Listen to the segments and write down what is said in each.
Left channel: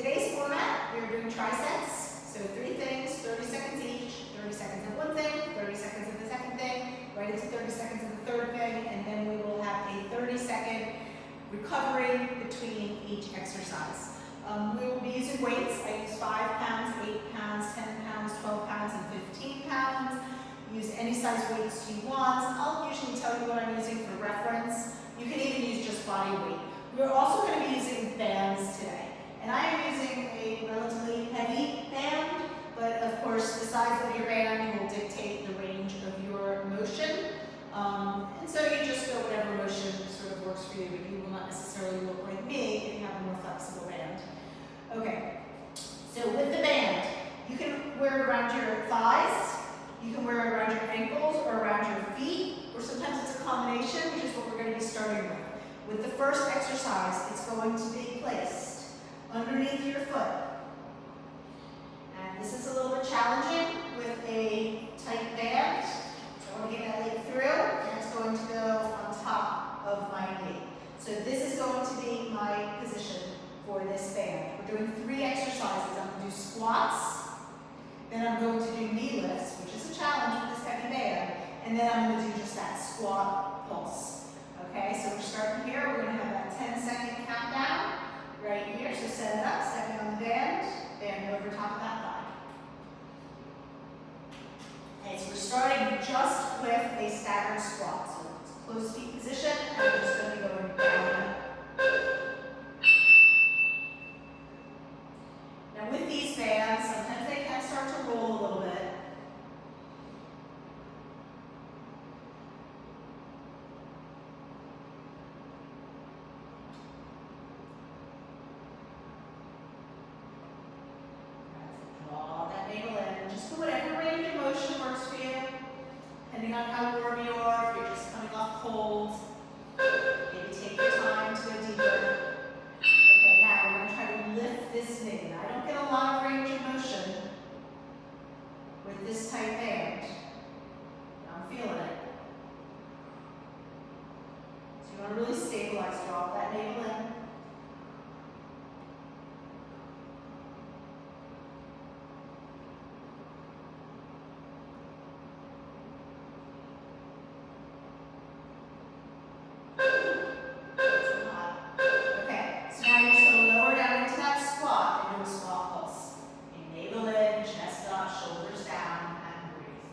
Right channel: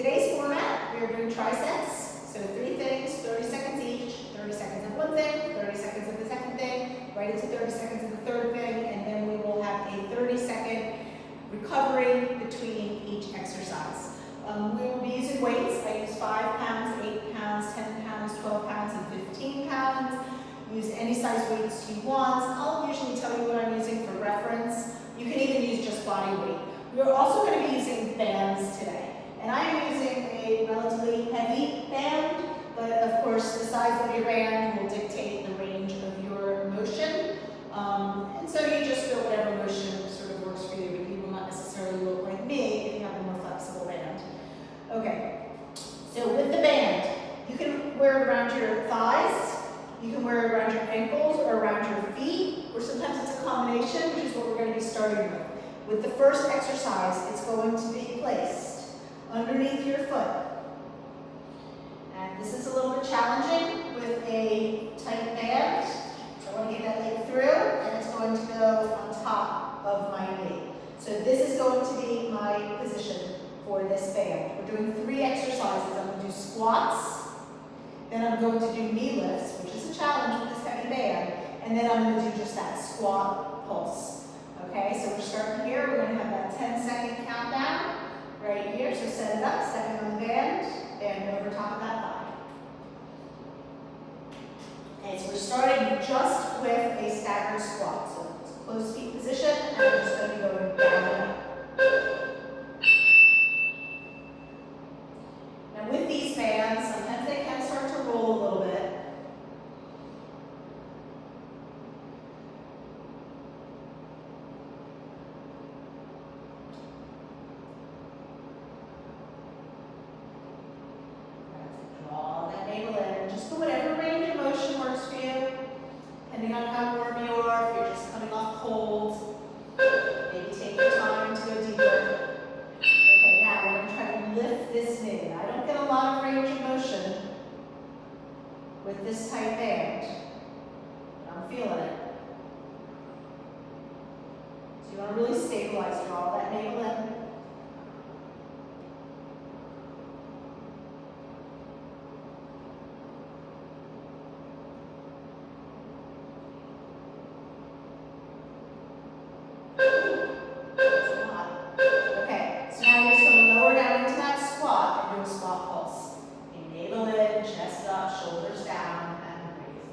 Today's format, we are doing triceps. So 3 things, 30 seconds each, 30 seconds of one thing, 30 seconds of the second thing, right into 30 seconds of the third thing, and then we will have a 30-second recovery between each exercise. We will be using weights. I use 5 pounds, 8 pounds, 10 pounds, 12 pounds, and 15 pounds. Use any size weights you want. I'll usually tell you what I'm using for reference. You can even use just body weight. We're also going to be using bands today. And I am using a relatively heavy band, but of course the size of your band will dictate the range of your motion. And so you just feel whatever motion sort of works for you, but you will not necessarily look like me if you have a more flexible band. Okay, so with the band, you can wear it around your thighs, you can wear it around your ankles or around your feet, or sometimes it's a combination, which is what we're going to be starting with. With the first exercise, it's going to be placed underneath your foot. And this is a little bit challenging with a tight band. So I want to get that leg through, and it's going to go on top of my knee. So this is going to be my position for this band. We're doing 3 exercises. I'm going to do squats, then I'm going to do knee lifts, which is a challenge with this heavy band, and then I'm going to do just that squat pulse. Okay, so we're starting here. We're going to have that 10-second countdown right here. So set it up, stepping on the band over top of that thigh. Okay, so we're starting just with a staggered squat. So it's a closed feet position, and we're just going to be going down. Now with these bands, sometimes they can start to roll a little bit. Draw that navel in, and just put whatever range of motion works for you, depending on how warm you are. If you're just coming off cold, maybe take your time to go deeper. Okay, now we're going to try to lift this knee. I don't get a lot of range of motion with this tight band, but I'm feeling it. So you want to really stabilize, draw that navel in. Shoulders down, and breathe.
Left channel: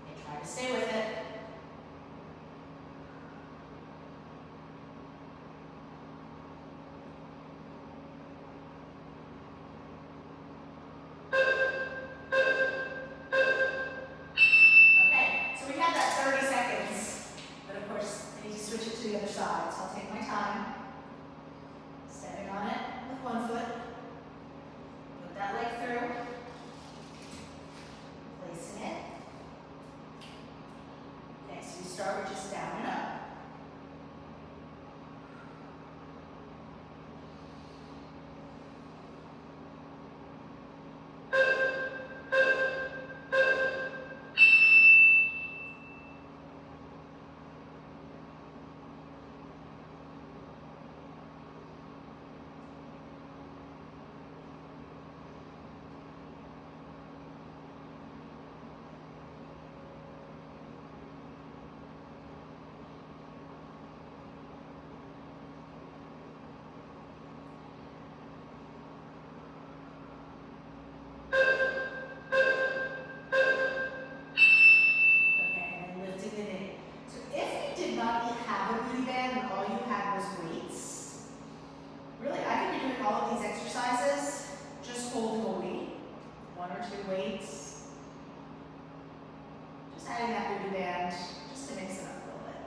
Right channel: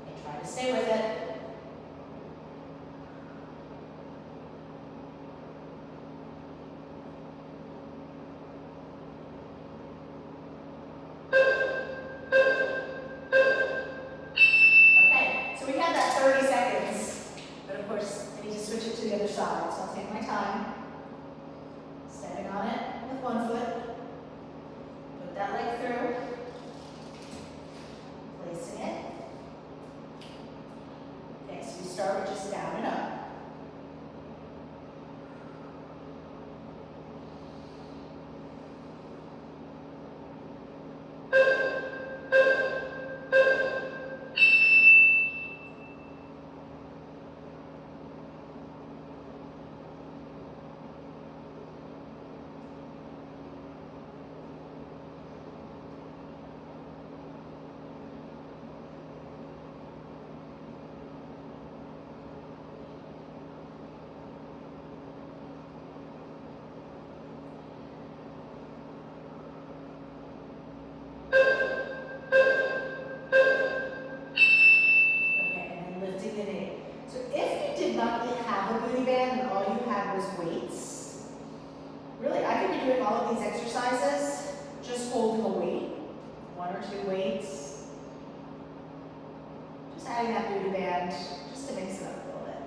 Okay, try to stay with it. Okay, so we had that 30 seconds, but of course, I need to switch it to the other side, so I'll take my time. Stepping on it with one foot. Put that leg through. Placing it. Okay, so we start with just down and up. All of these exercises, just holding a weight, 1 or 2 weights, just adding that booty band, just to mix it up a little bit.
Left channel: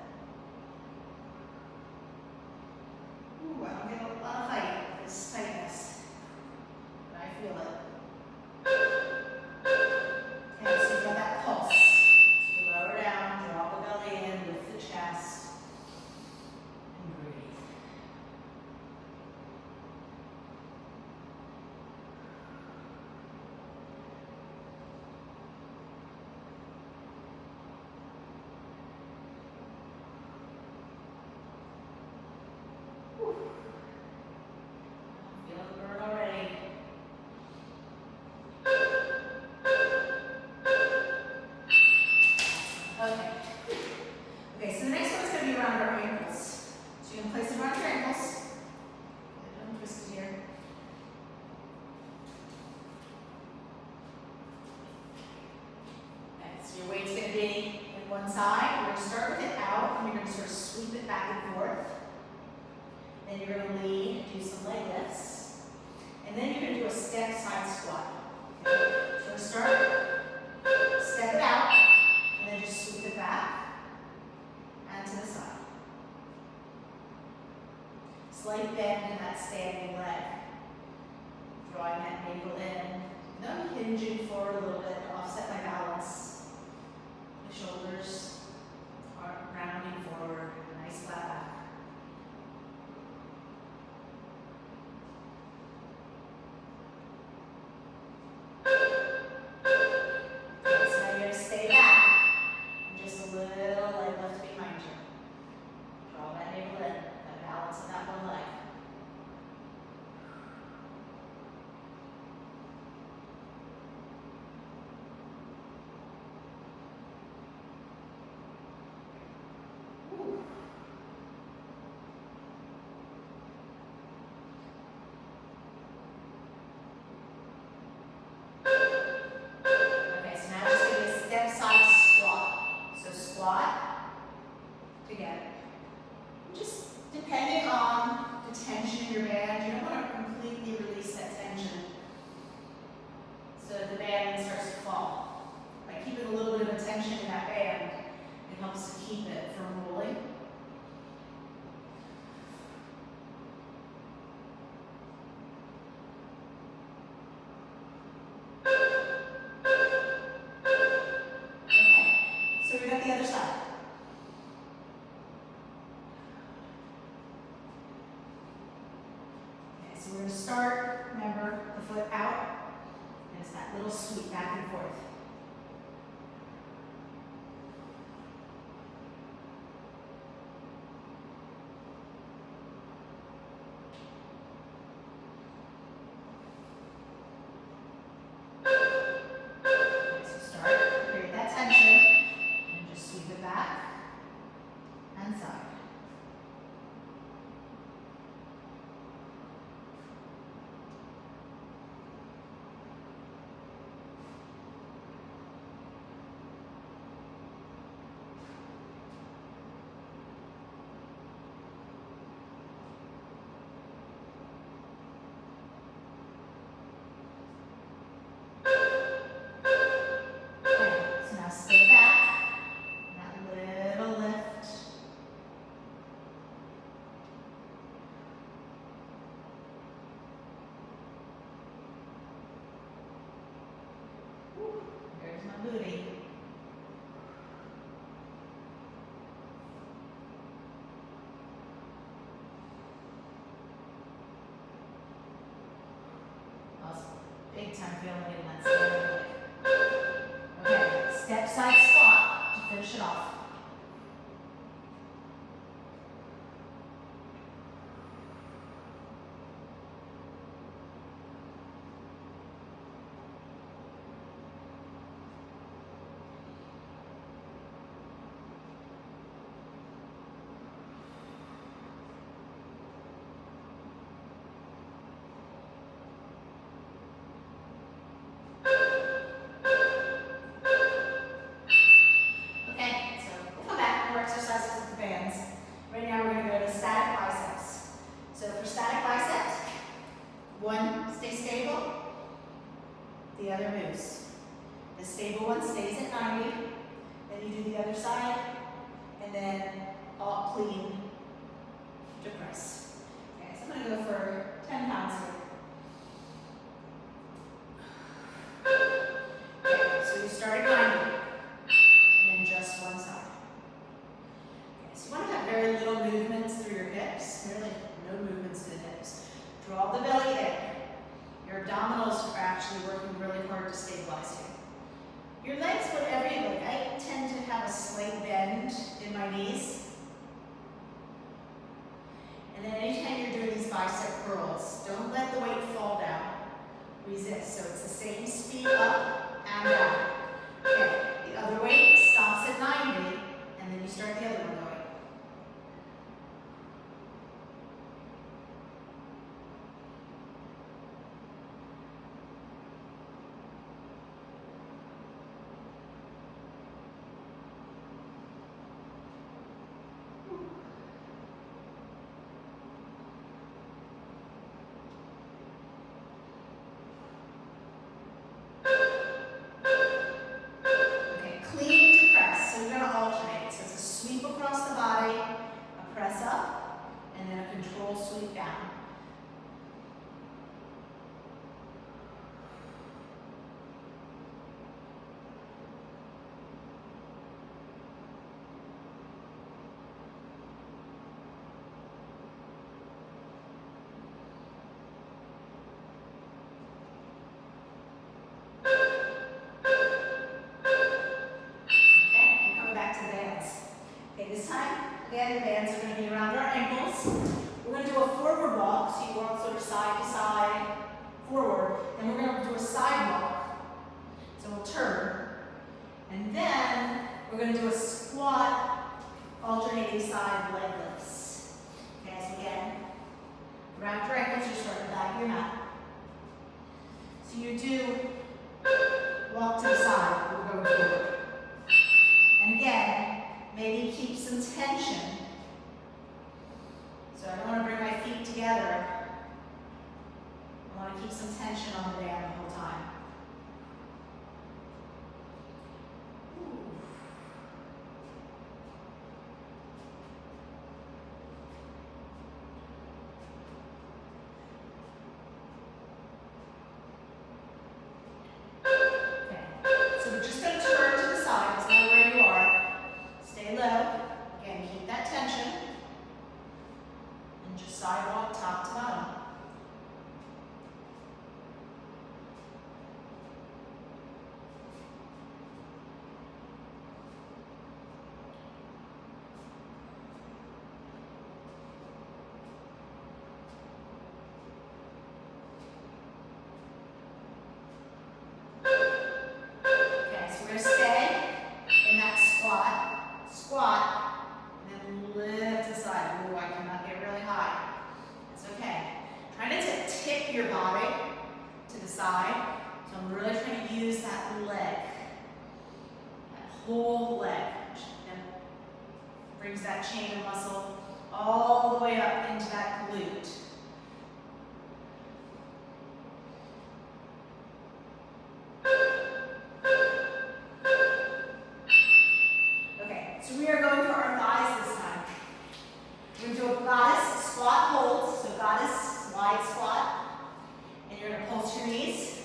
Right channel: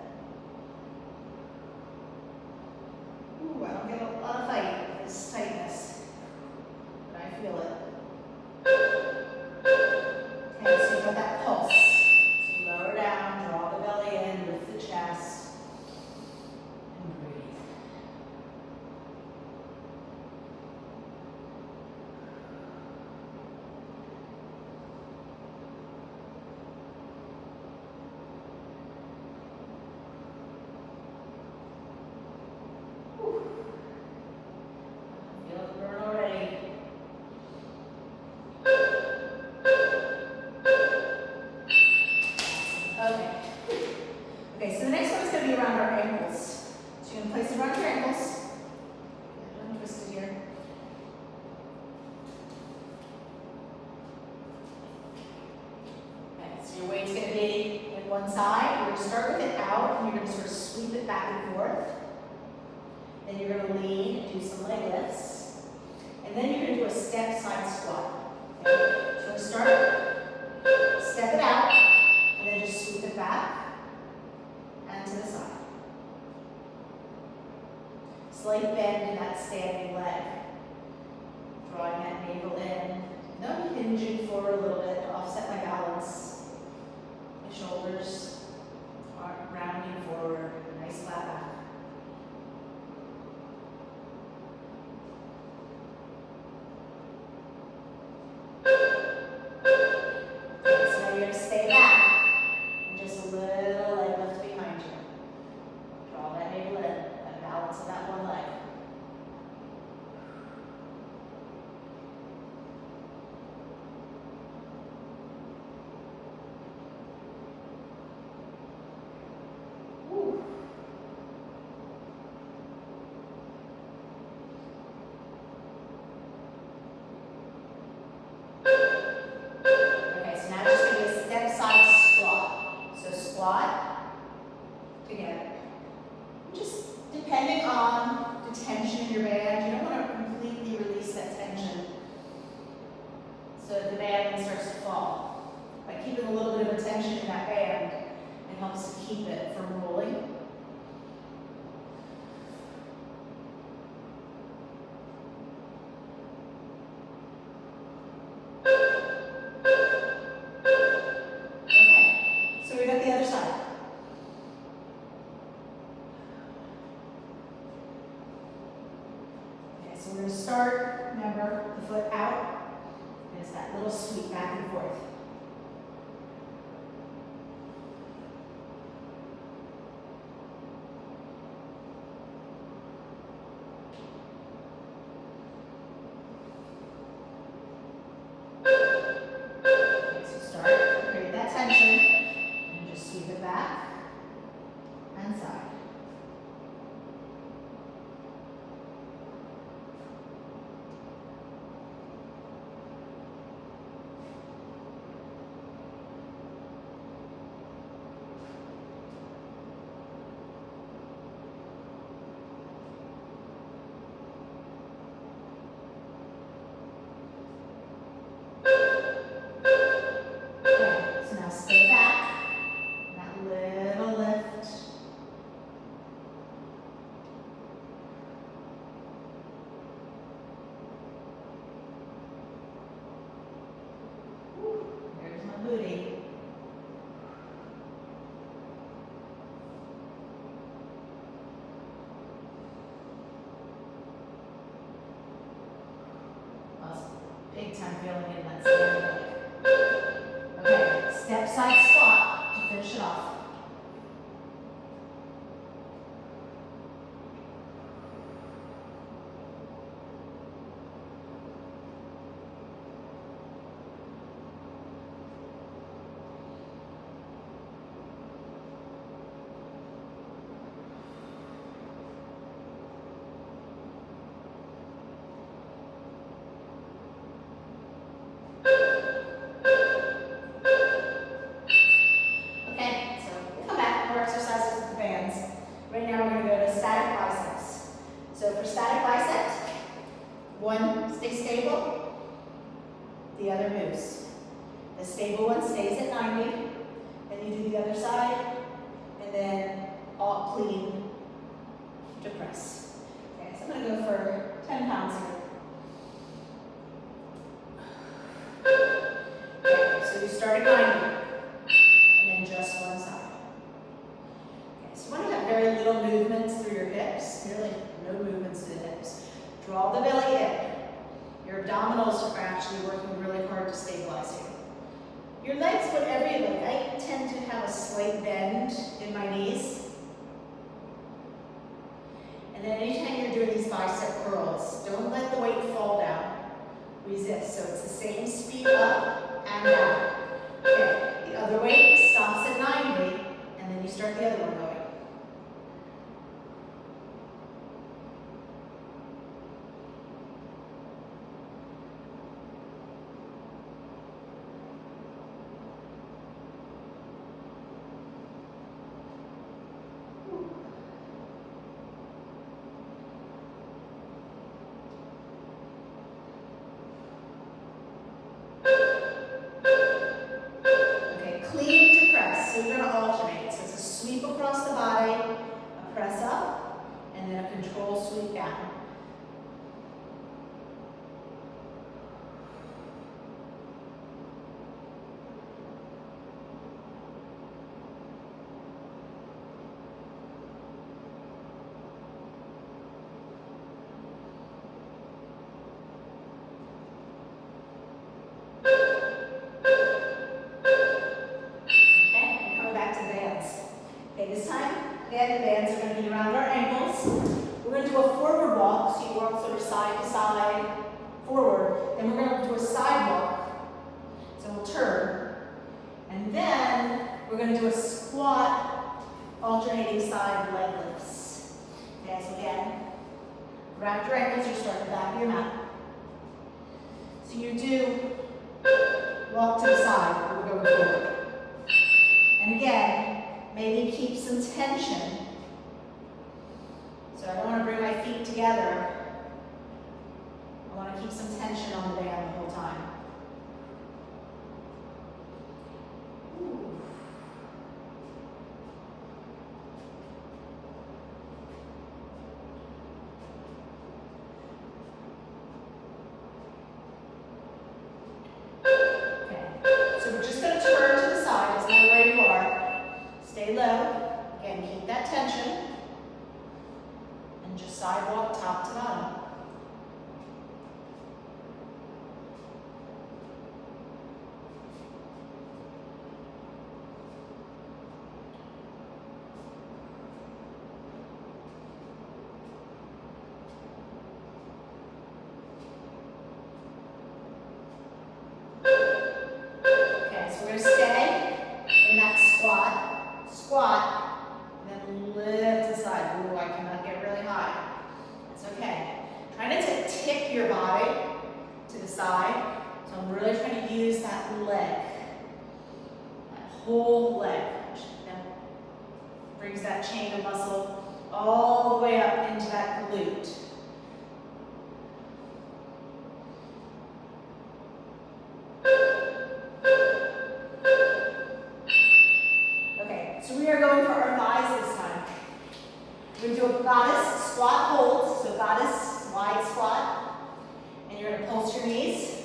Ooh, I don't get a lot of fight with this tightness, but I feel it. Okay, so you got that pulse. So you lower down, draw the belly in, lift the chest, and breathe. One side, you're going to start with it out, and you're going to sort of sweep it back and forth. Then you're going to lean and do some leg lifts. And then you're going to do a step side squat. Okay? So start, step it out, and then just sweep it back and to the side. Slight bend in that standing leg. Drawing that navel in. Now hinging forward a little bit to offset my balance. My shoulders are rounding forward. Nice flat back. Okay, so now you're going to stay back and just a little leg lift behind you. Draw that navel in and balance in that one leg. So we're going to start, remember, the foot out, and it's that little sweep back and forth. Okay, so start, create that tension, and just sweep it back and side. Big time feeling in that side. Okay, step side squat to finish it off. Exercises with the bands. Right now we're going to go to static biceps. So for static bicep, one stays stable, the other moves. The stable one stays at 90, then you do the other side, and then all clean to press. Okay, so I'm going to go for 10 pounds here. Okay, so you start at 90, and then just one side. You want to have very little movements through your hips, nearly no movements to the hips. Draw the belly in. Your abdominals are actually working really hard to stabilize you. Your legs, whatever you like. I tend to have a slight bend in my knees. And then anytime you're doing these bicep curls, don't let the weight fall down. Resist. So it's the same speed up and down. Okay, the other weight stops at 90, and then you start the other one going. and then a control sweep down. This time, again, the bands are going to be around our ankles. We're going to do a forward walk, so you walk sort of side to side, forward. Then we're going to do a side walk, so we'll turn. And then we're going to do a squat, alternating side leg lifts. Okay, so again, wrap your ankles, you start at the back of your mat. So you do walk to the side, we're going forward. And again, maybe keep some tension. So I don't want to bring my feet together. I want to keep some tension on the band the whole time. Ooh. Okay, so we're just going to turn to the side, doesn't matter where you are. Stay low, again, keep that tension, and just sidewalk top to bottom. Okay, so we're going to stay in that squat, and then lift aside. Ooh, I cannot get really high. That's okay. Try not to tip your body to the side. So I'm really trying to use that leg, that whole leg. That brings that chain of muscle all the way up into that glute. So we are going for our thighs this time. We're going to do a goddess squat hold. So goddess wide squat. And you're going to pulse your knees.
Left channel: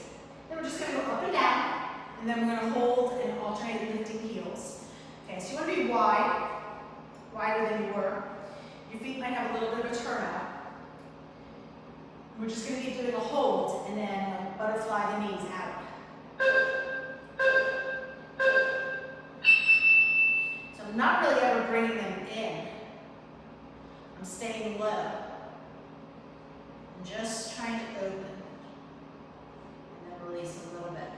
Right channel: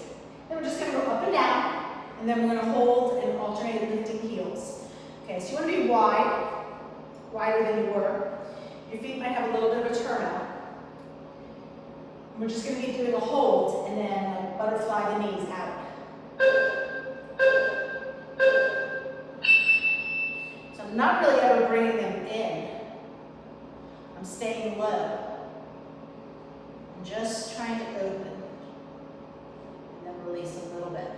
Then we're just going to go up and down. And then we're going to hold and alternate lifting heels. Okay, so you want to be wide, wider than you were. Your feet might have a little bit of a turnout. We're just going to be doing a hold and then like butterfly the knees out. I'm not really ever bringing them in. I'm staying low. I'm just trying to open. And then release a little bit.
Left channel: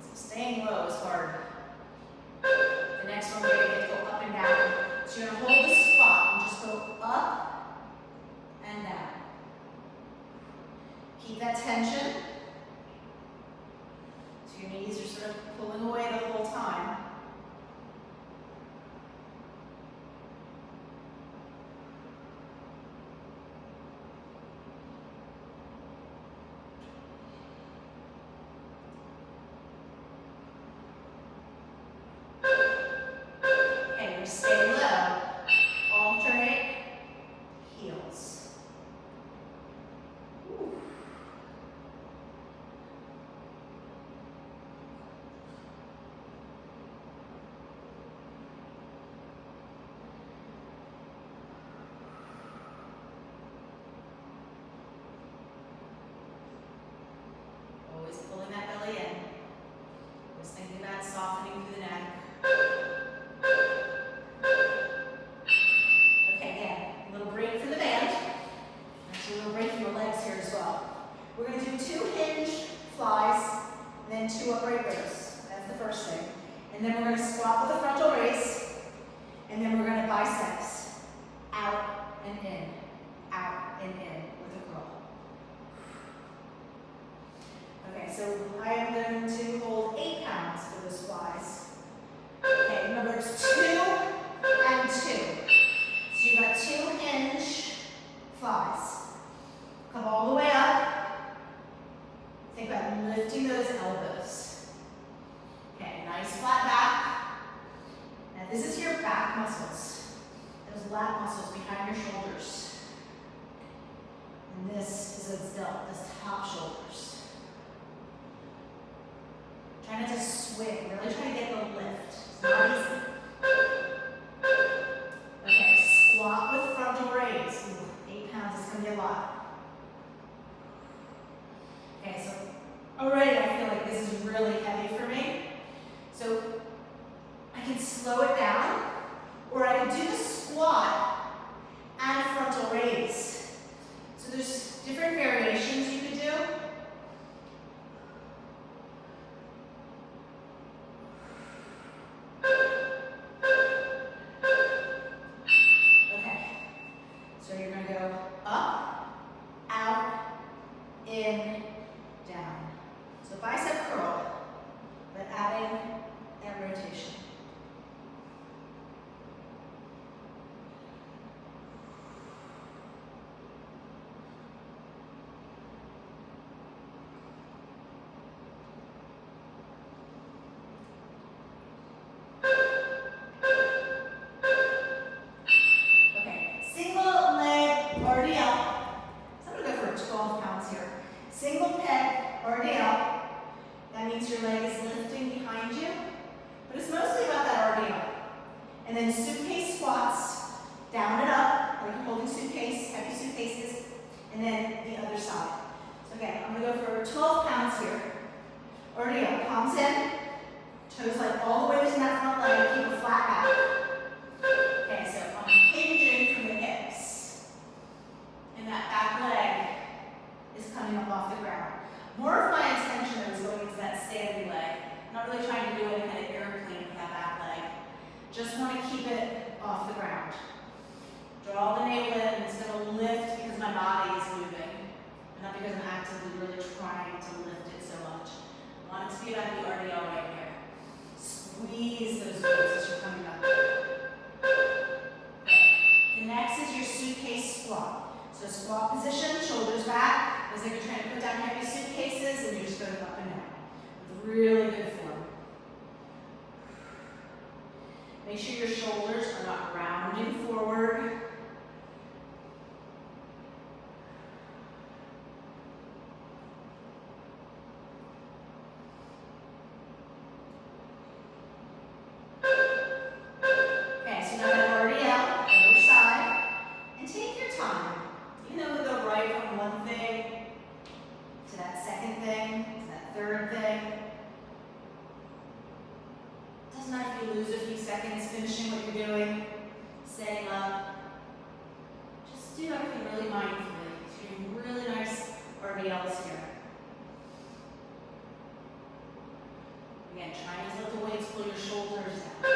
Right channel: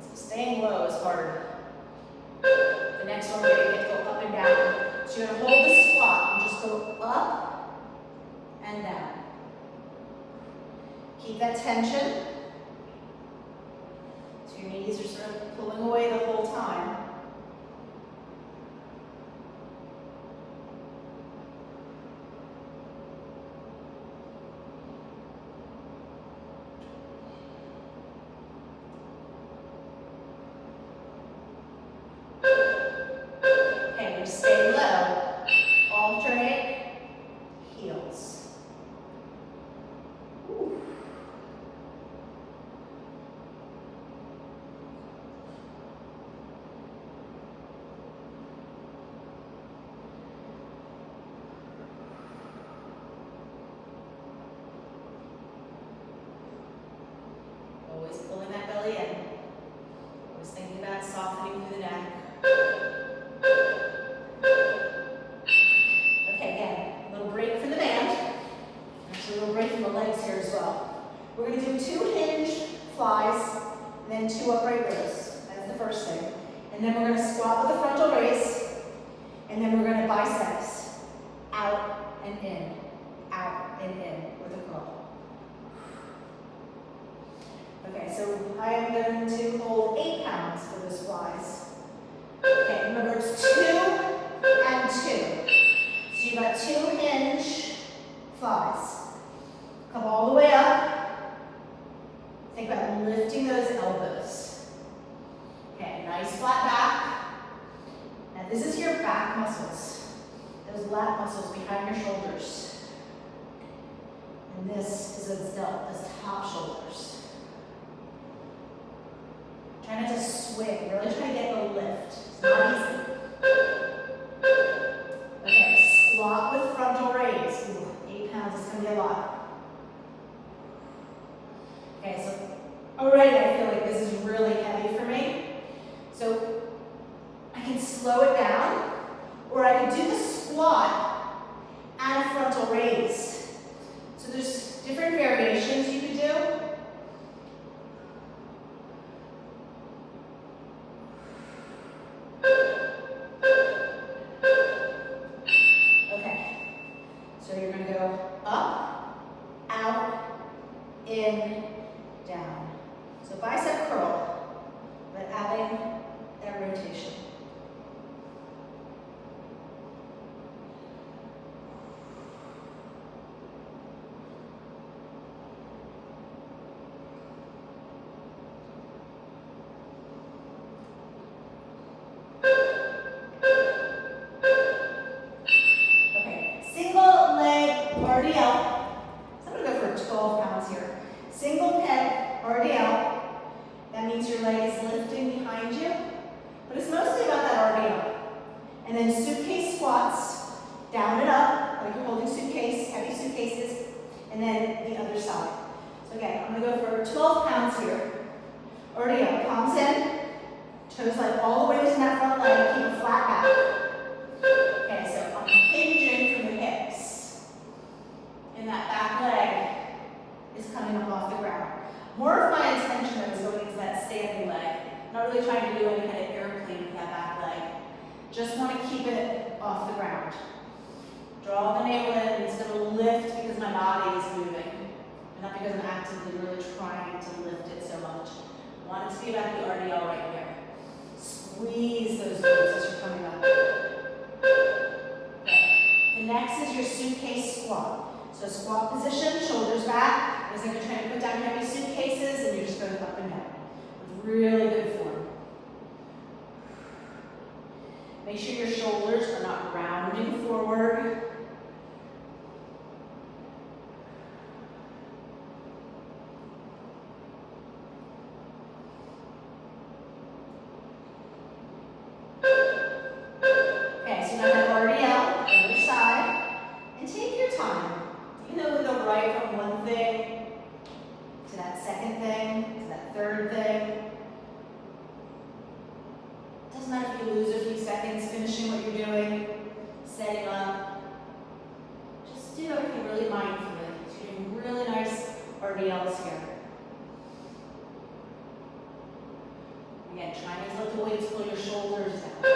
So staying low is hard. The next one we're going to go up and down. So you're going to hold the squat and just go up and down. Keep that tension. So your knees are sort of pulling away the whole time. Okay, we stay low. Alternate heels. Ooh. Always pulling that belly in. Always thinking about softening through the neck. Okay, again, a little break from the band. Actually, a little break from the legs here as well. We're going to do 2 hinge flies, and then 2 upright rows. That's the first thing. And then we're going to squat with a frontal raise, and then we're going to biceps. Out and in with a curl. Okay, so I am going to hold 8 pounds for those flies. Okay, remember it's 2 and 2. So you've got 2 hinge flies. Come all the way up. this is your back muscles, those lat muscles behind your shoulders. And this is those top shoulders. Try not to swing, really try to get the lift. It's not easy. Okay, squat with frontal raise. Ooh, 8 pounds, it's gonna be a lot. Okay, so already I feel like this is really heavy for me. So I can slow it down, or I can do the squat and a frontal raise. So there's different variations you can do. Okay, so you're gonna go up, out, in, down. So bicep curl, but adding that rotation. Single pec RDL, that means your leg is lifting behind you, but it's mostly about that RDL. And then suitcase squats, down and up, like you're holding suitcase, heavy suitcases, and then the other side. So again, I'm gonna go for 12 pounds here. RDL, palms in, toes like all the way to that front leg, keep a flat back. Okay, so I'm hinging from the hips, and that back leg is coming up off the ground. More of my attention is going into that standing leg. I'm not really trying to do any kind of airplane with that back leg. Just want to keep it off the ground. Draw the navel in, and it's going to lift because my body is moving, and not because I'm actively really trying to lift it so much. I want it to be about the RDL right here. Squeeze those glutes as you're coming up. Okay. The next is your suitcase squat. So squat position, shoulders back. It's like you're trying to put down heavy suitcases and you're just going up and down. With really good form. Make sure your shoulders are not rounding forward. Okay, so now that RDL, other side, and take your time. Even though we go right from one thing to that second thing, to that third thing. Doesn't matter if you lose a few seconds finishing what you're doing, setting up. Just do everything really mindfully. So you're doing really nice RDLs here. Again, try not to let the weights pull your shoulders down.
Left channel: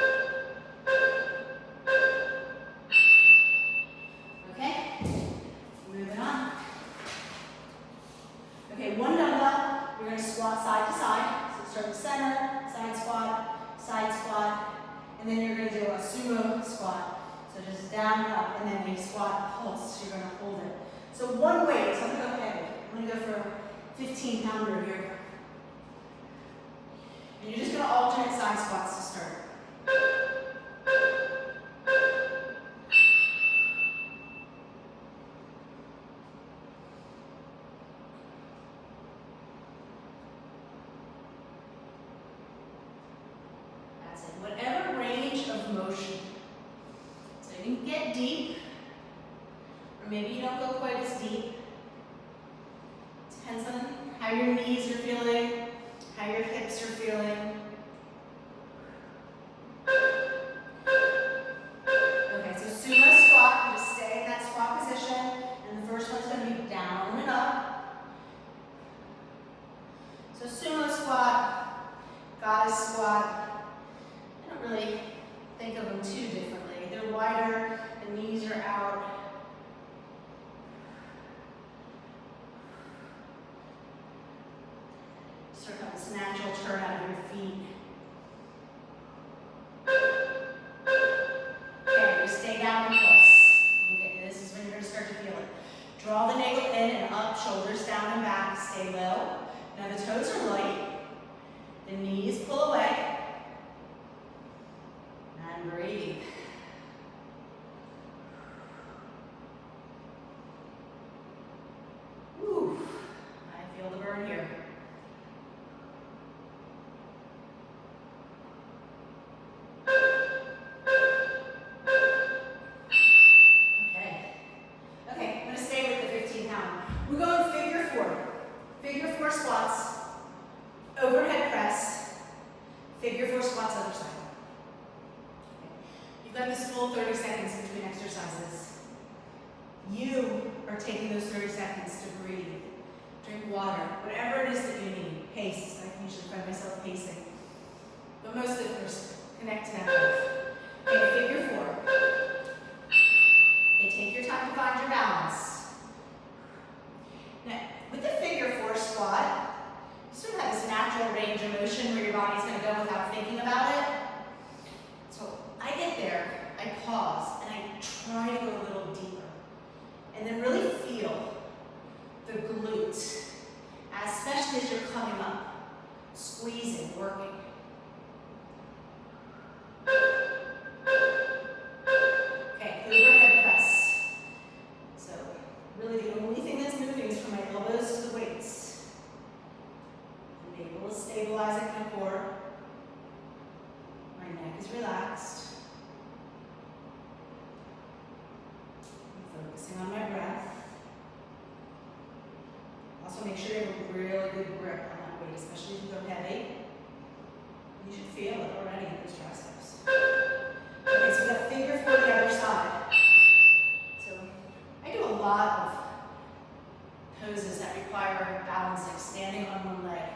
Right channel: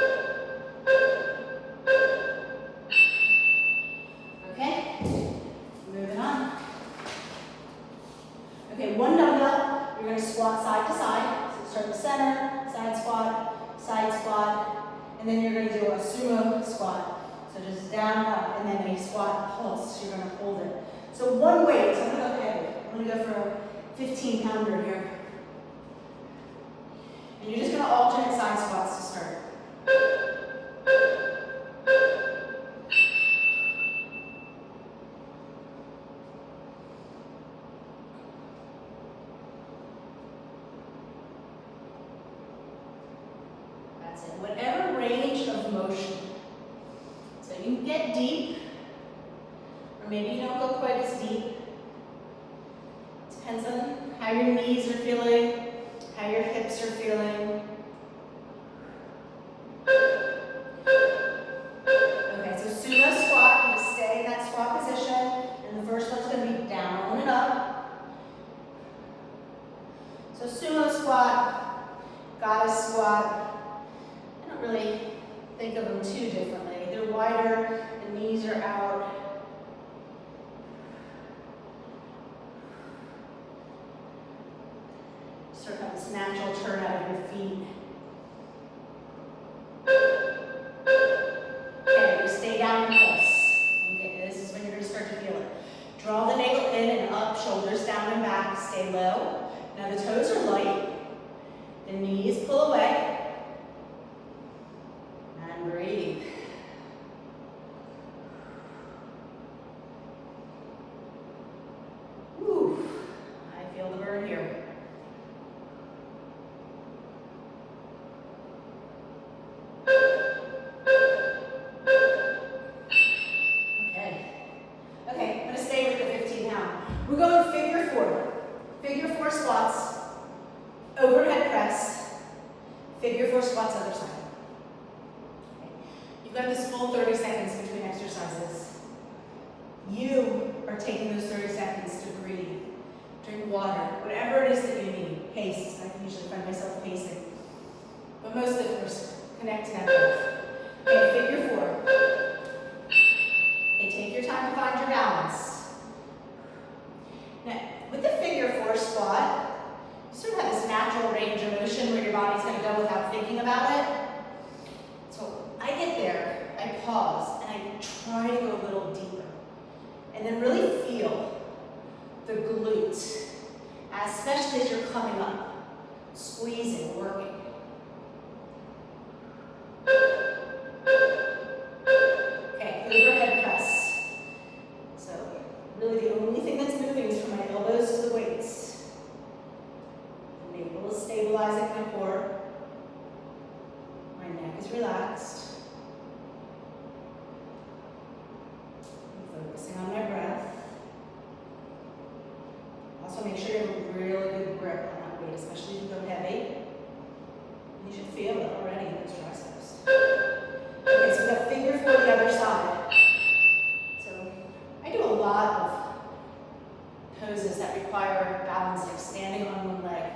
Okay? Moving on. Okay, one dumbbell, you're going to squat side to side. So start in the center, side squat, and then you're going to do a sumo squat. So just down, up, and then a squat pulse. You're going to hold it. So one weight, so I'm going to go heavy. I'm going to go for a 15-pounder here. And you're just going to alternate side squats to start. Whatever range of motion. So you can get deep, or maybe you don't go quite as deep. Depends on how your knees are feeling, how your hips are feeling. Okay, so sumo squat, just stay in that squat position, and the first one's going to be down and up. So sumo squat, goddess squat. Really think of them too differently. They're wider, the knees are out. Sort of have this natural turn out of your feet. Okay, just stay down and pulse. Okay, this is when you're going to start to feel it. Draw the navel in and up, shoulders down and back, stay low. Now the toes are light, the knees pull away. breathe. Whew, I feel the burn here. Okay, I'm going to stay with the 15 pound. We're going figure four. Figure four squats, overhead press, figure four squats other side. Okay. You've got this full 30 seconds between exercises. You are taking those 30 seconds to breathe, drink water, whatever it is that you need. Pace, I usually find myself pacing. But mostly, of course, connect to that breath. Okay, figure four. Okay, take your time to find your balance. Now, with the figure four squat, you sort of have this natural range of motion where your body's going to go without thinking about it. So I get there, I pause, and I try to go a little deeper. And then really feel the glute, especially as you're coming up, squeezing, working. Okay, overhead press. So really the only thing that's moving is from my elbows to the weights. The navel is stabilizing my core. My neck is relaxed. I'm focusing on my breath. Also make sure you have a really good grip on that weight, especially if you go heavy. You should feel it already in those triceps. Okay, so we've got figure four the other side. So I do a lot of poses that require balance, like standing on one leg.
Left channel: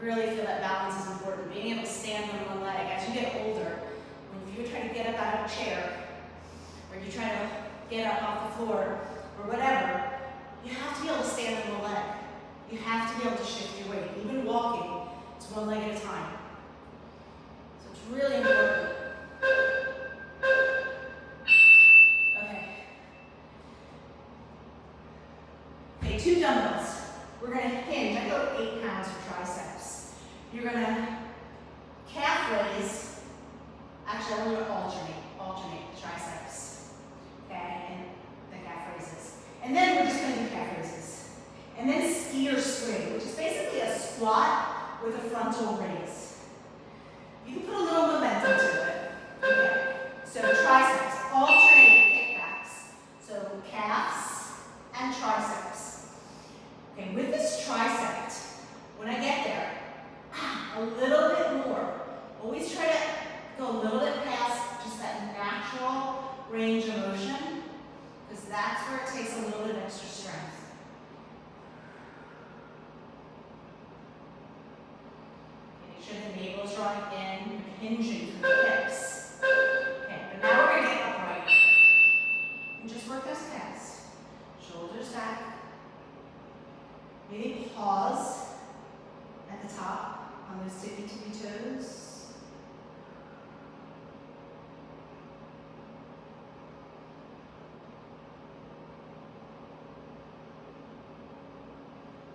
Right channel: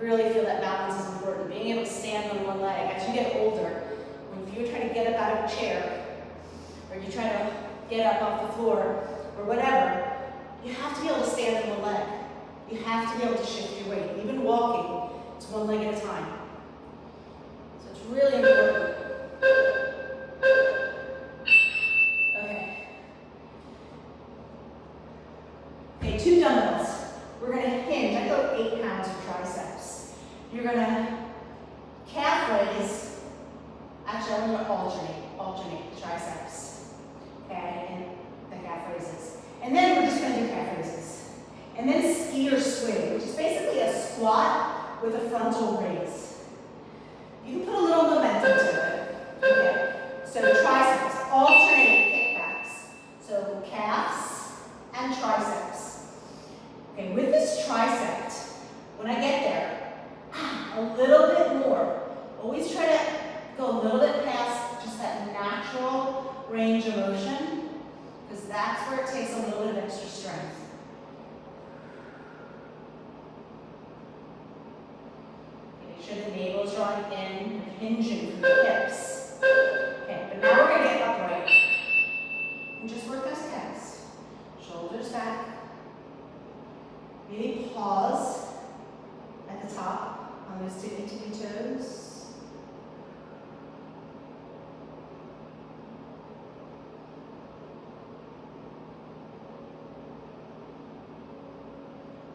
Really feel that balance is important. Being able to stand on one leg. As you get older, when you try to get up out of a chair, or you try to get up off the floor, or whatever, you have to be able to stand on one leg. You have to be able to shift your weight. Even walking, it's one leg at a time. So it's really important. Okay. Okay, 2 dumbbells. We're going to hinge. I go 8 pounds for triceps. You're going to calf raise. Actually, I'm going to alternate triceps. Okay, and the calf raises. And then we're just going to do calf raises. And then skier swing, which is basically a squat with a frontal raise. You can put a little momentum to it. Okay, so triceps, alternate kickbacks. So calves and triceps. Okay, with this tricep, when I get there, a little bit more. Always try to go a little bit past just that natural range of motion, because that's where it takes a little bit of extra strength. Make sure the navel is drawing in, hinging from the hips. Okay, but now we're going to get upright. And just work those calves. Shoulders back. Maybe pause at the top on those tippy toes.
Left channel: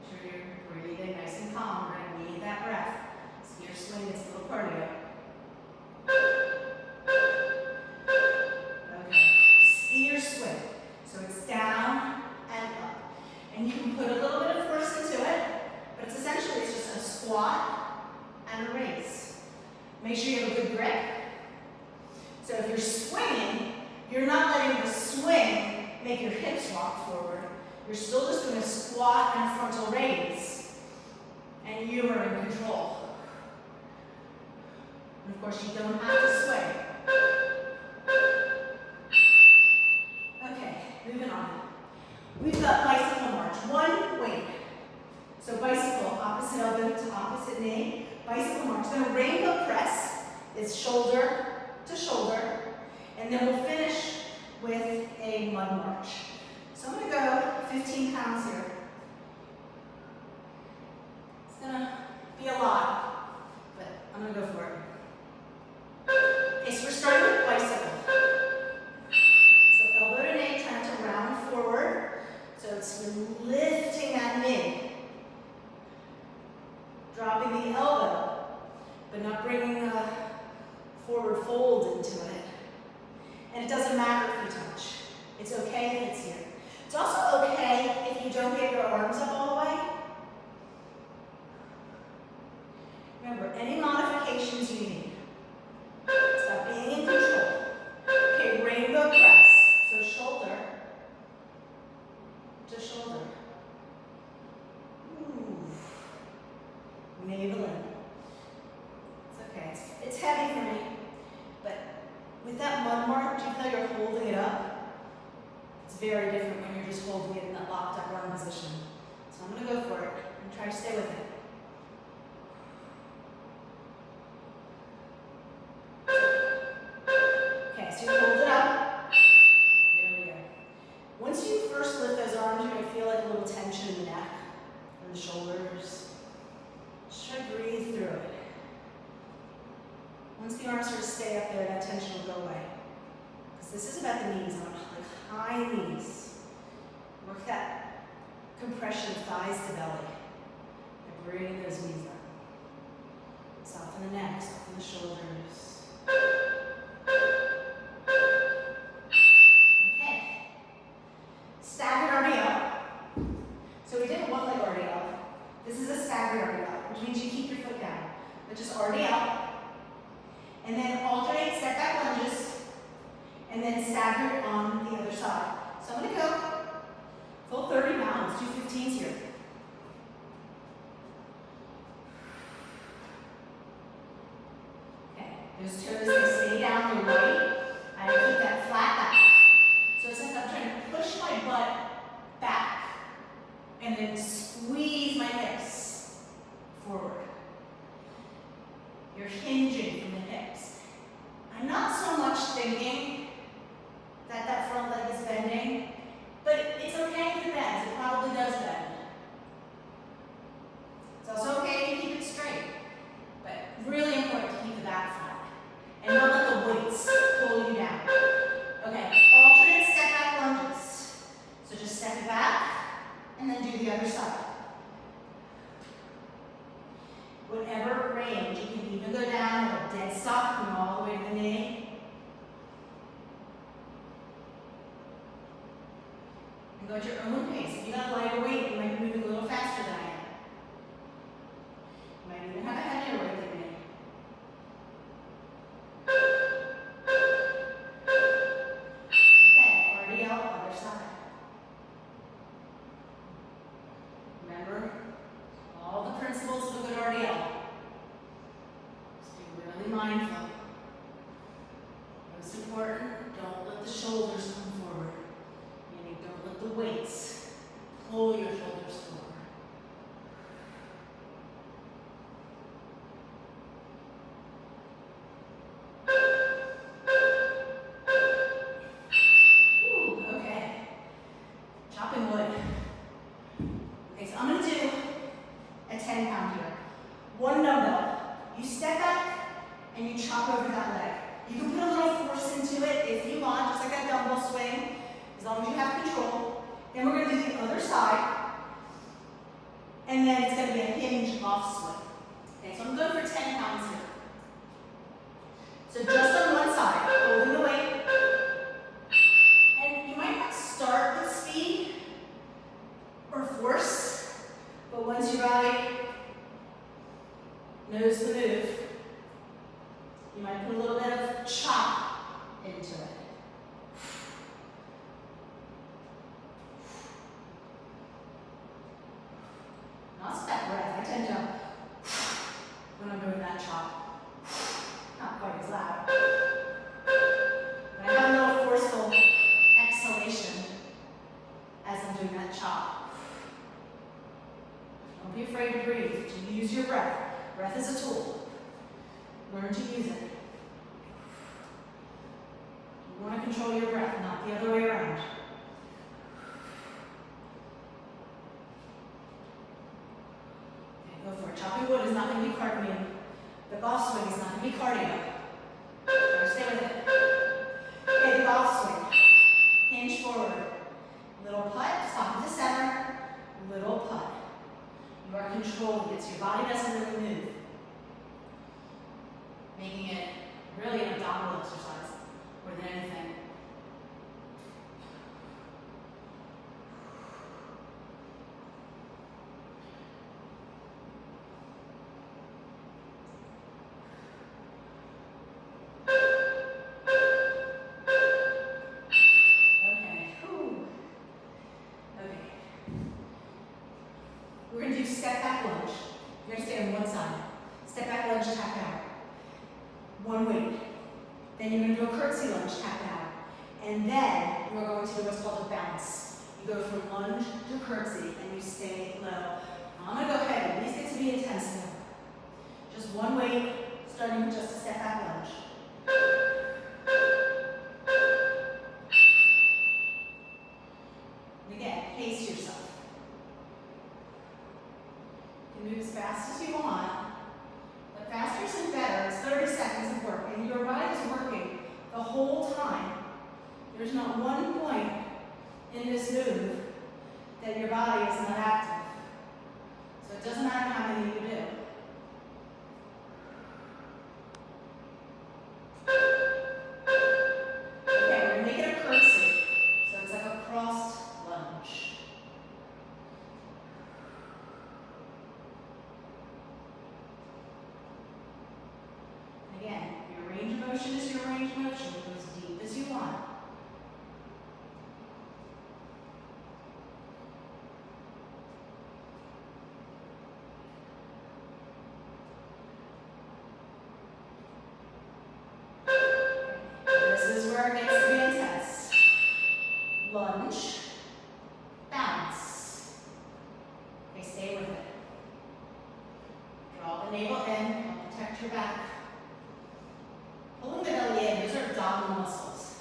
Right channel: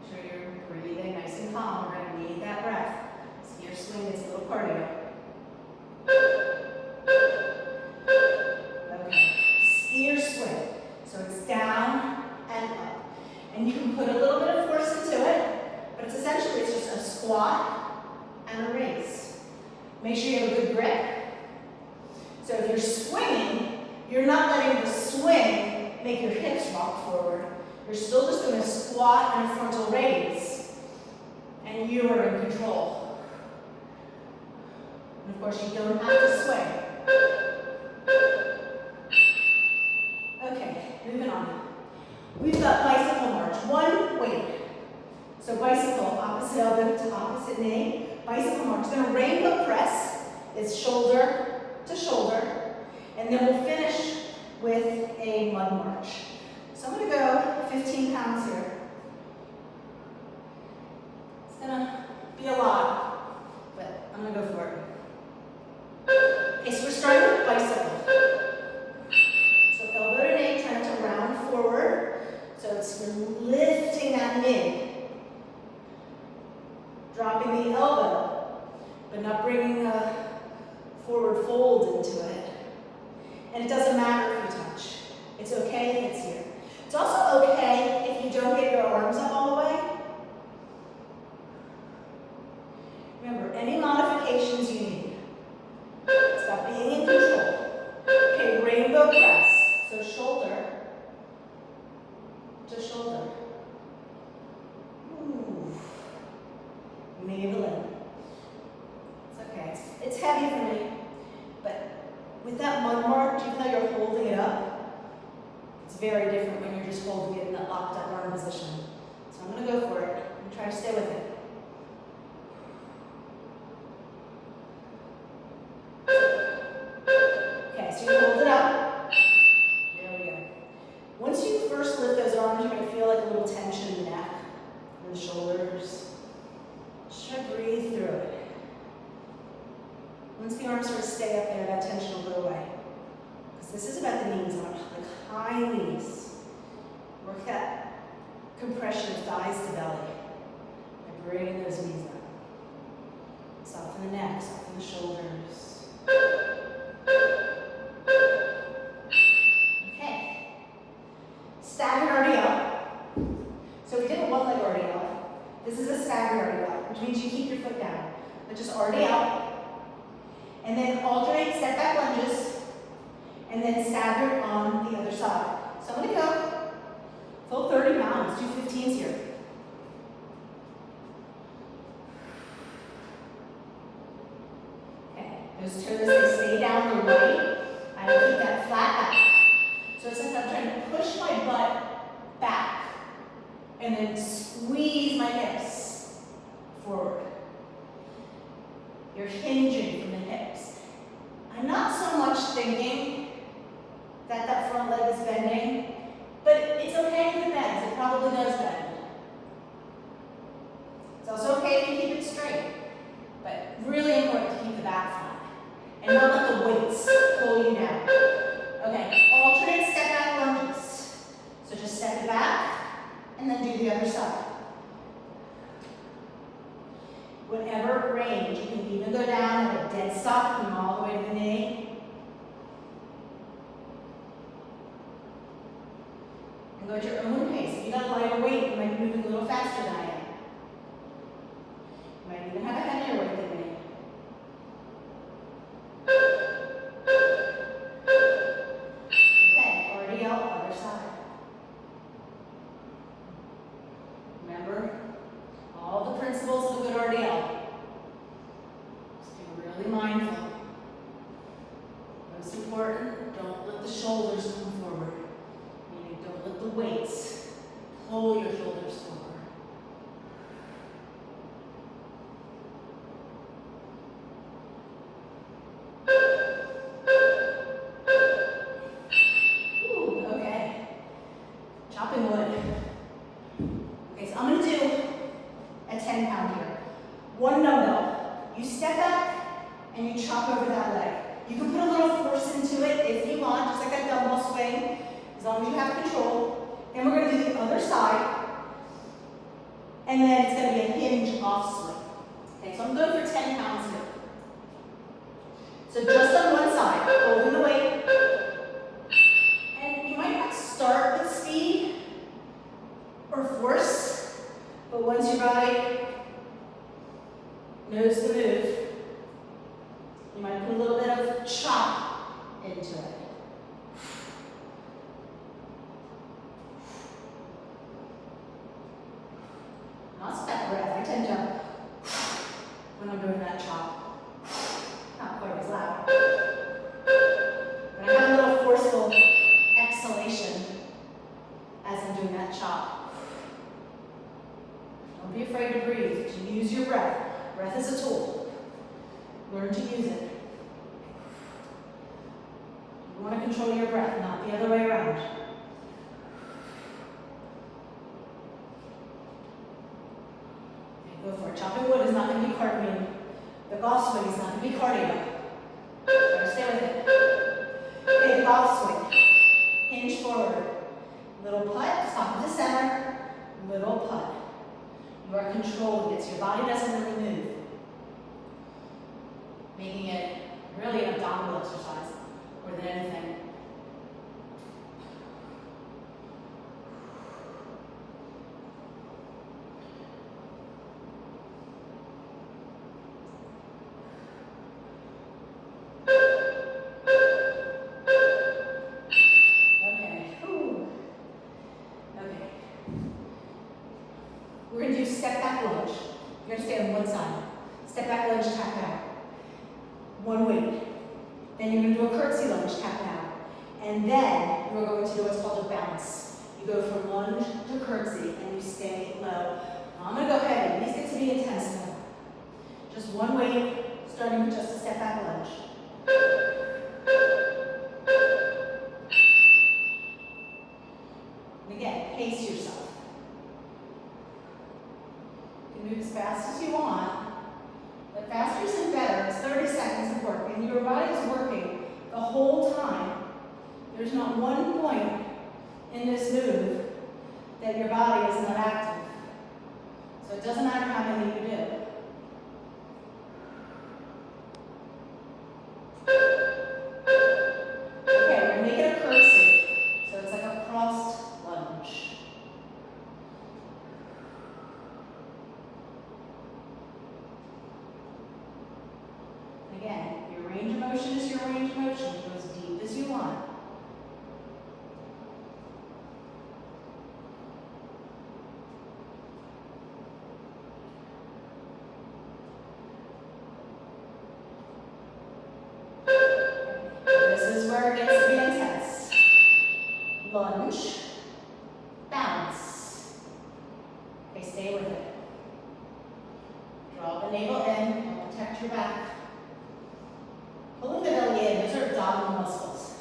Make sure you're breathing nice and calm. We're going to need that breath. Skier swing is a little cardio. Okay, skier swing. So it's down and up. And you can put a little bit of force into it, but it's essentially just a squat and a raise. Make sure you have a good grip. So if you're swinging, you're not letting the swing make your hips rock forward. You're still just doing a squat and a frontal raise, and you are in control. And of course, you don't have to swing. Okay, moving on. We've got bicycle march, one weight. So bicycle, opposite elbow to opposite knee. Bicycle march. Then a rainbow press is shoulder to shoulder. And then we'll finish with a mud march. So I'm going to go 15 pounds here. It's going to be a lot, but I'm going to go for it. Okay, so we're starting with bicycle. So elbow to knee, trying to round forward. So it's lifting that knee. Dropping the elbow, but not bringing the forward fold into it. And it doesn't matter if you touch. It's okay if it's here. It's also okay if you don't get your arms up all the way. Remember, any modifications you need. It's about being in control. Okay, rainbow press. So shoulder to shoulder. Ooh. Navel in. It's okay. It's heavy for me. But with that mud mark, even though you're holding it up, it's very different when you're just holding it in that locked up arm position. So I'm going to go for it and try to stay with it. Okay, so you hold it up. There we go. Once you first lift those arms, you're going to feel like a little tension in the neck and the shoulders. Just try to breathe through it. Once the arms sort of stay up there, that tension will go away. Because this is about the knees, like high knees. Work that compression of thighs to belly. And bring those knees up. Soften the neck, soften the shoulders. Okay. Staggered RDL. So we did a one-leg RDL. This is a staggered RDL, which means you keep your foot down. But just RDL. And then alternate step back lunges. And then staggered on the other side. So I'm going to go full 30 pounds, do 15s here. Okay, those toes can stay down the way. I keep that flat back. So since I'm trying to push my butt back and then squeeze my hips forward. You're hinging from the hips. I'm not so much thinking that that front leg is bending, but it's okay if it bends. It probably does bend. It's also okay if you keep it straight, but really important to keep the back flat and not let the weights pull you down. Okay, alternate step back lunges. So just step it back and then do the other side. Whatever range, you can even go down at a dead stop, come all the way to the knee. And go at your own pace. If you got a lighter weight, you might be moving a little faster than I am. You might even have a heavier weight than me. Okay, RDL, other side. Remember all the principles of a good RDL. Just be really mindful. Most important, don't let the shoulders come forward. Meaning don't let the weights pull your shoulders forward. Ooh, okay. Chopping wood. Okay, so I'm going to do a 10-pound here. One dumbbell. You step back and you chop over that leg. You can put a little force into it if you want, just like that dumbbell swing, as long as you have control. Then we're going to do the other side, and then it's going to be a hinge off swing. Okay, so I'm going for 10 pounds here. So just on one side, holding the weight. And you might not start with speed or force, but once your body knows the move, you might put a little bit of chop into it. Not that breath. I tend to, when I'm doing that chop, not quite as loud. But I have a little forceful exhalation as I'm doing that chop. Don't be afraid to breathe. To use your breath. Breath is a tool. Learn to use it. You want to control your breath, not the other way around. Okay, go for it. Chopping wood is not going to be cardio. The golf swing is not going to be cardio. Better stay with it. Okay, the golf swing. Hinge forward. Little putt, stop at the center. Little putt. You are controlling it, so your body doesn't really move. Making it really an abdominal exercise more than anything. We're going to do step back lunge. You're going to stay on one side. Step back lunge, tap out. One weight. Then you're going to do a curtsy lunge, tap out. And then you're going to do what's called a bounce. You go from lunge to curtsy and you stay low. Now I'm going to go heavy. These get to be intense now. Just one weight, starting with just a step back lunge. And again, pace yourself. Move as fast as you want, but faster isn't better. It's 30 seconds of work, and your body is working the whole time. There's not one point in this move that your body is not active. So it doesn't matter how many you do. Okay, we're going to make it a curtsy. So it's like a crossed lunge. Again, your range of motion is your range of motion. Go as deep as you want. This is where it gets to be intense. Lunge, bounce. Okay, stay with it. Draw the navel in, help protect your back. Pulling the belly in, those are abdominal muscles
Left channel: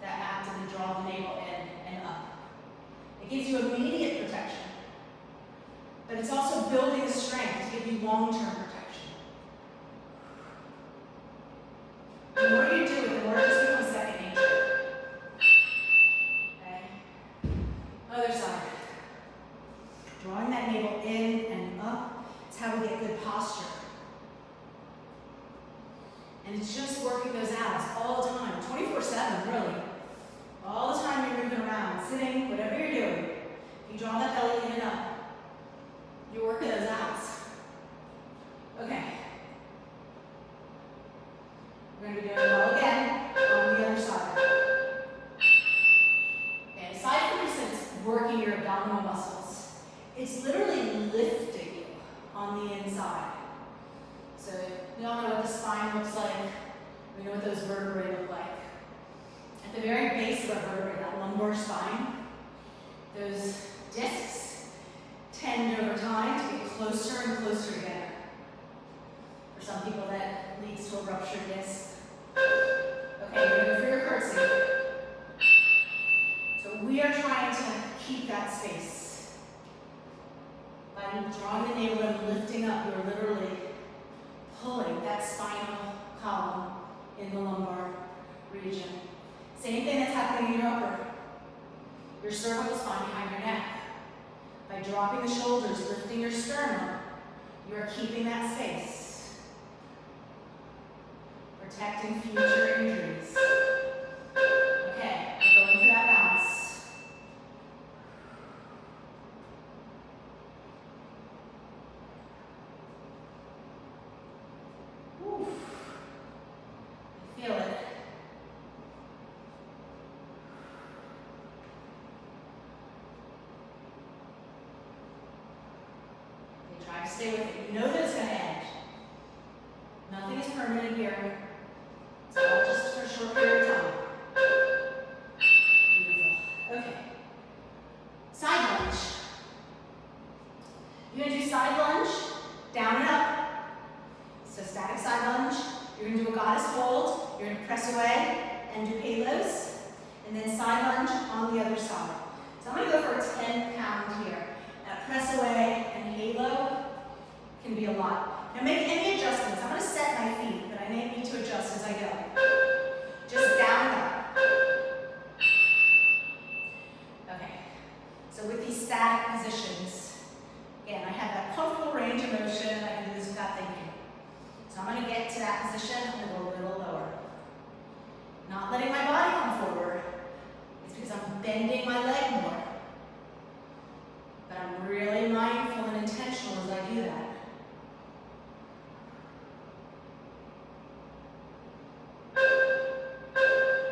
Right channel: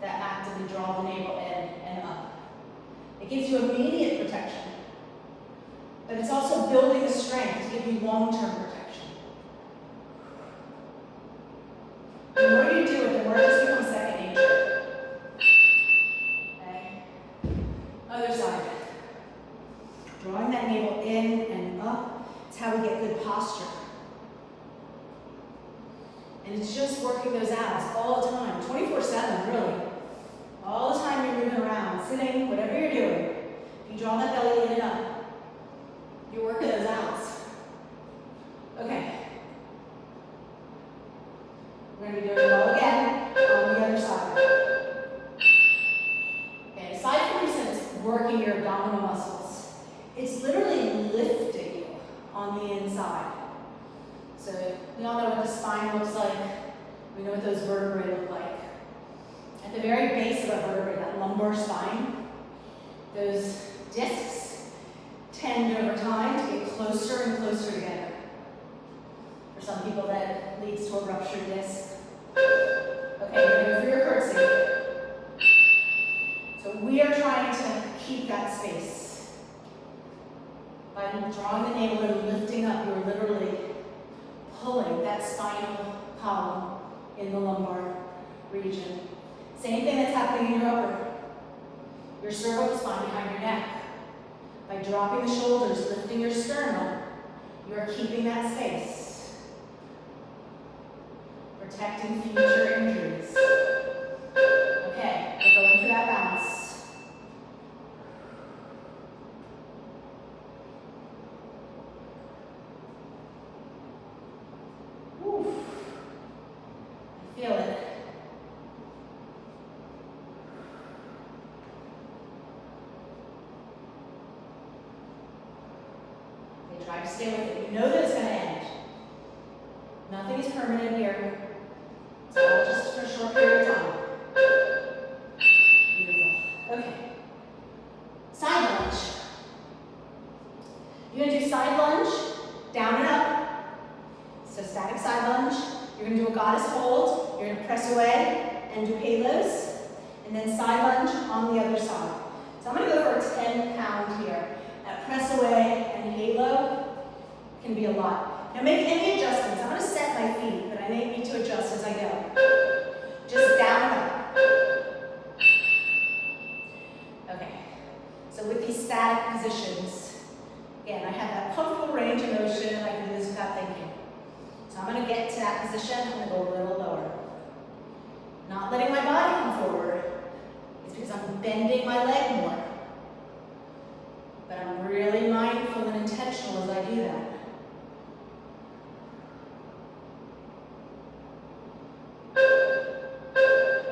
that actively draw the navel in and up. It gives you immediate protection, but it's also building the strength to give you long-term protection. The more you do it, the more it just becomes second nature. Okay? Other side. Drawing that navel in and up, it's how we get good posture. And it's just working those abs all the time, 24/7, really. All the time you're moving around, sitting, whatever you're doing. If you draw that belly in and up, you're working those abs. Okay. We're going to be doing it all again on the other side. Okay, aside from this, it's working your abdominal muscles. It's literally lifting you on the inside. So we all know what the spine looks like. We know what those vertebrae look like. At the very base of our vertebrae, that lumbar spine, those discs tend over time to get closer and closer together. For some people, that leads to a ruptured disc. Okay, we're going to go for your curtsy. So we are trying to keep that space. By drawing the navel and lifting up, you're literally pulling that spinal column in the lumbar region. Same thing that's happening in your upper. Your cervical spine behind your neck. By dropping the shoulders, lifting your sternum, you are keeping that space. Protecting future injuries. Okay, we're going for that bounce. Whew. I feel it. Okay, try to stay with it. You know that it's going to end. Nothing is permanent here. So all just for a short period of time. Beautiful. Okay. Side lunge. You're going to do side lunge, down and up. So static side lunge. You're going to do a goddess hold. You're going to press away and do halos. And then side lunge on the other side. So I'm going to go for a 10-pound here. That press away and halo can be a lot. Now make any adjustments. I'm going to set my feet, but I may need to adjust as I go. Just down and up. Okay. So with these static positions, again, I have that comfortable range of motion. I can do this without thinking. So I'm going to get to that position. I'm going to go a little lower. bending my leg more. But I'm really mindful and intentional as I do that.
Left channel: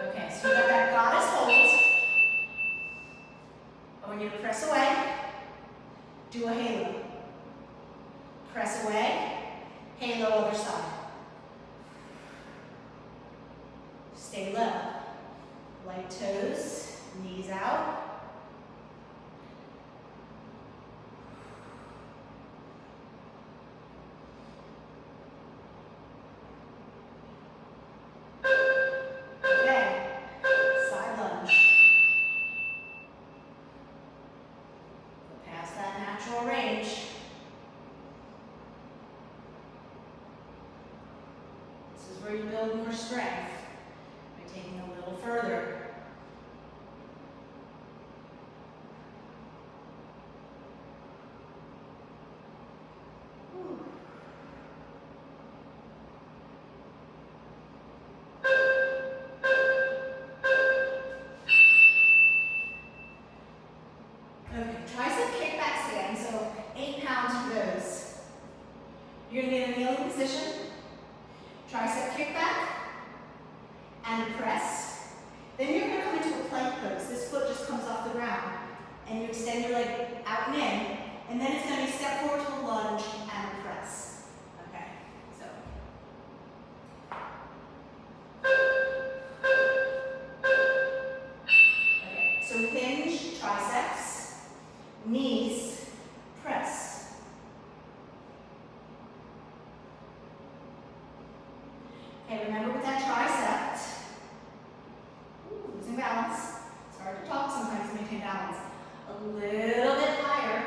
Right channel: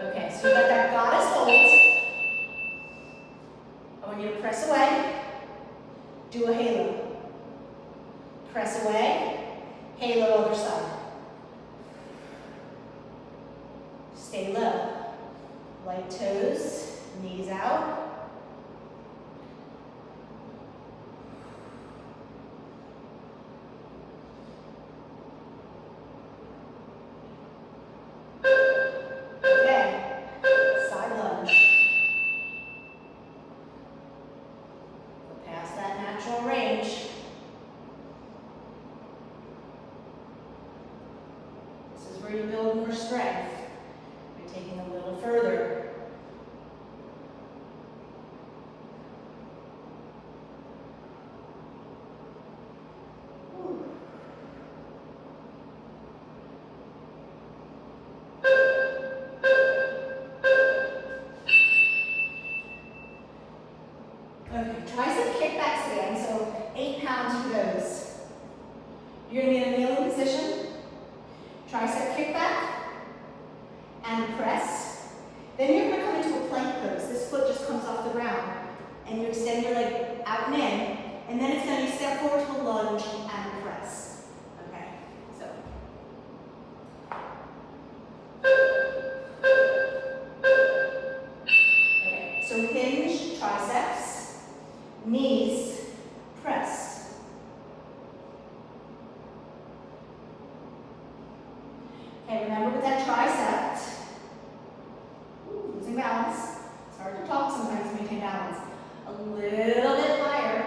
Okay, so you got that goddess hold. I want you to press away. Do a halo. Press away. Halo other side. Stay low. Light toes, knees out. Okay, side lunge. Go past that natural range. This is where you build more strength by taking a little further. Okay, tricep kickbacks again, so 8 pounds for those. You're going to get a kneeling position, tricep kickback, and a press. Then you're going to come into a plank pose. This foot just comes off the ground, and you extend your leg out and in, and then it's going to be step forward to a lunge and a press. Okay, so. Okay, so hinge triceps. Knees, press. Okay, remember with that tricep, losing balance. It's hard to talk sometimes to maintain balance. A little bit higher.